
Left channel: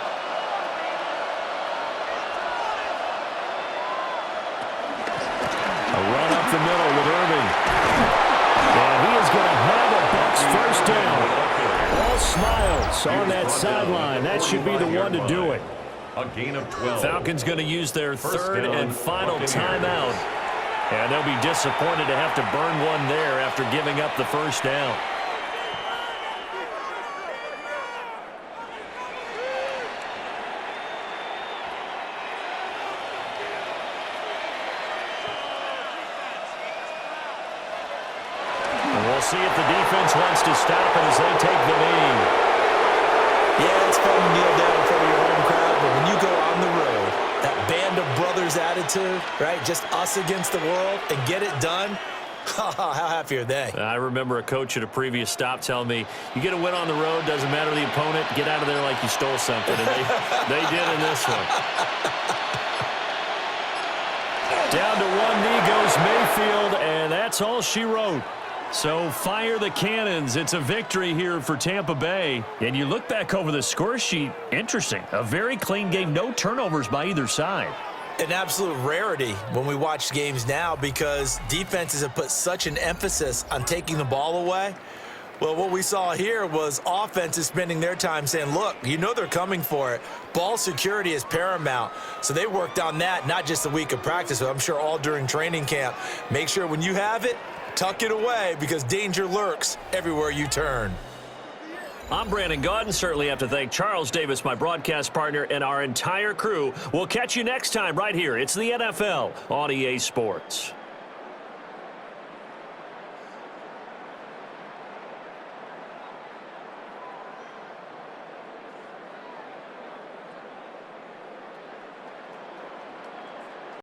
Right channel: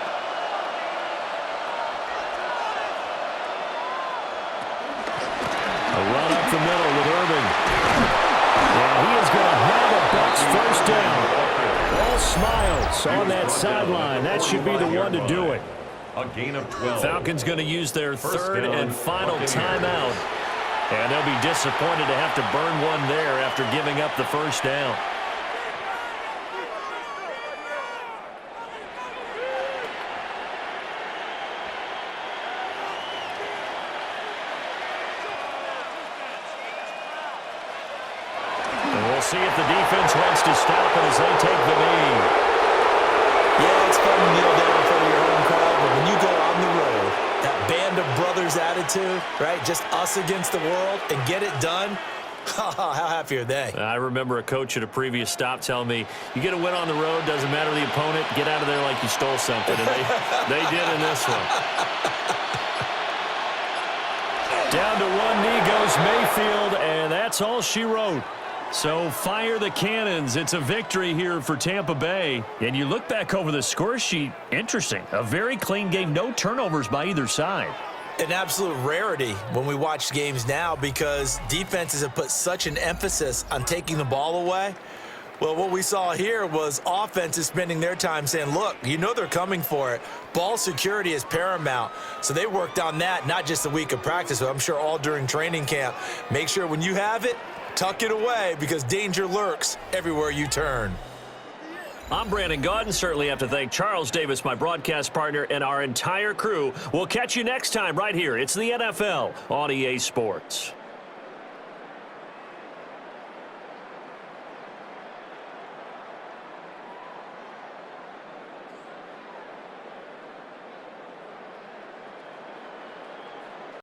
run up the middle with Irving. And he is going to have a Bucs 1st down. All smiles on that sideline. That should be the one to do it. A gain of 12. Falcons going to use their 3rd and final timeout. And they'll be disappointed to have to burn one there after giving up the 1st down. See if the defense wants to stop it as they take the knee. Yeah, it's fun to kneel down in front of your home crowd, but when you go on the road, that band of brothers attitude, right, just us against the world, and get it done, how happy are they? I remember a coach at a previous stop telling me, you get a win on the road, doesn't matter the opponent, get out of there like you stole something, and they did in this one. Down to one knee goes Mayfield, and that's all she wrote. So fire the cannons. It's a victory here for Tampa Bay. And you look back over the score sheet, interesting. A very clean game, no turnovers by either side. An absolute rarity when we watch games now because defenses have put such an emphasis on taking the ball away. Well, what we saw here was offenses spending their time saying, look, you know they're coming for it. Ball security is paramount. So they worked on that, not just a week of practice, but I'm sure all during training camp. Make sure when you have it, tuck it away because danger lurks everywhere you turn. I'm Brandon Gaudin. Certainly have to thank Charles Davis, my broadcast partner, and our entire crew. We'll catch you next time right here. It's the NFL on EA Sports.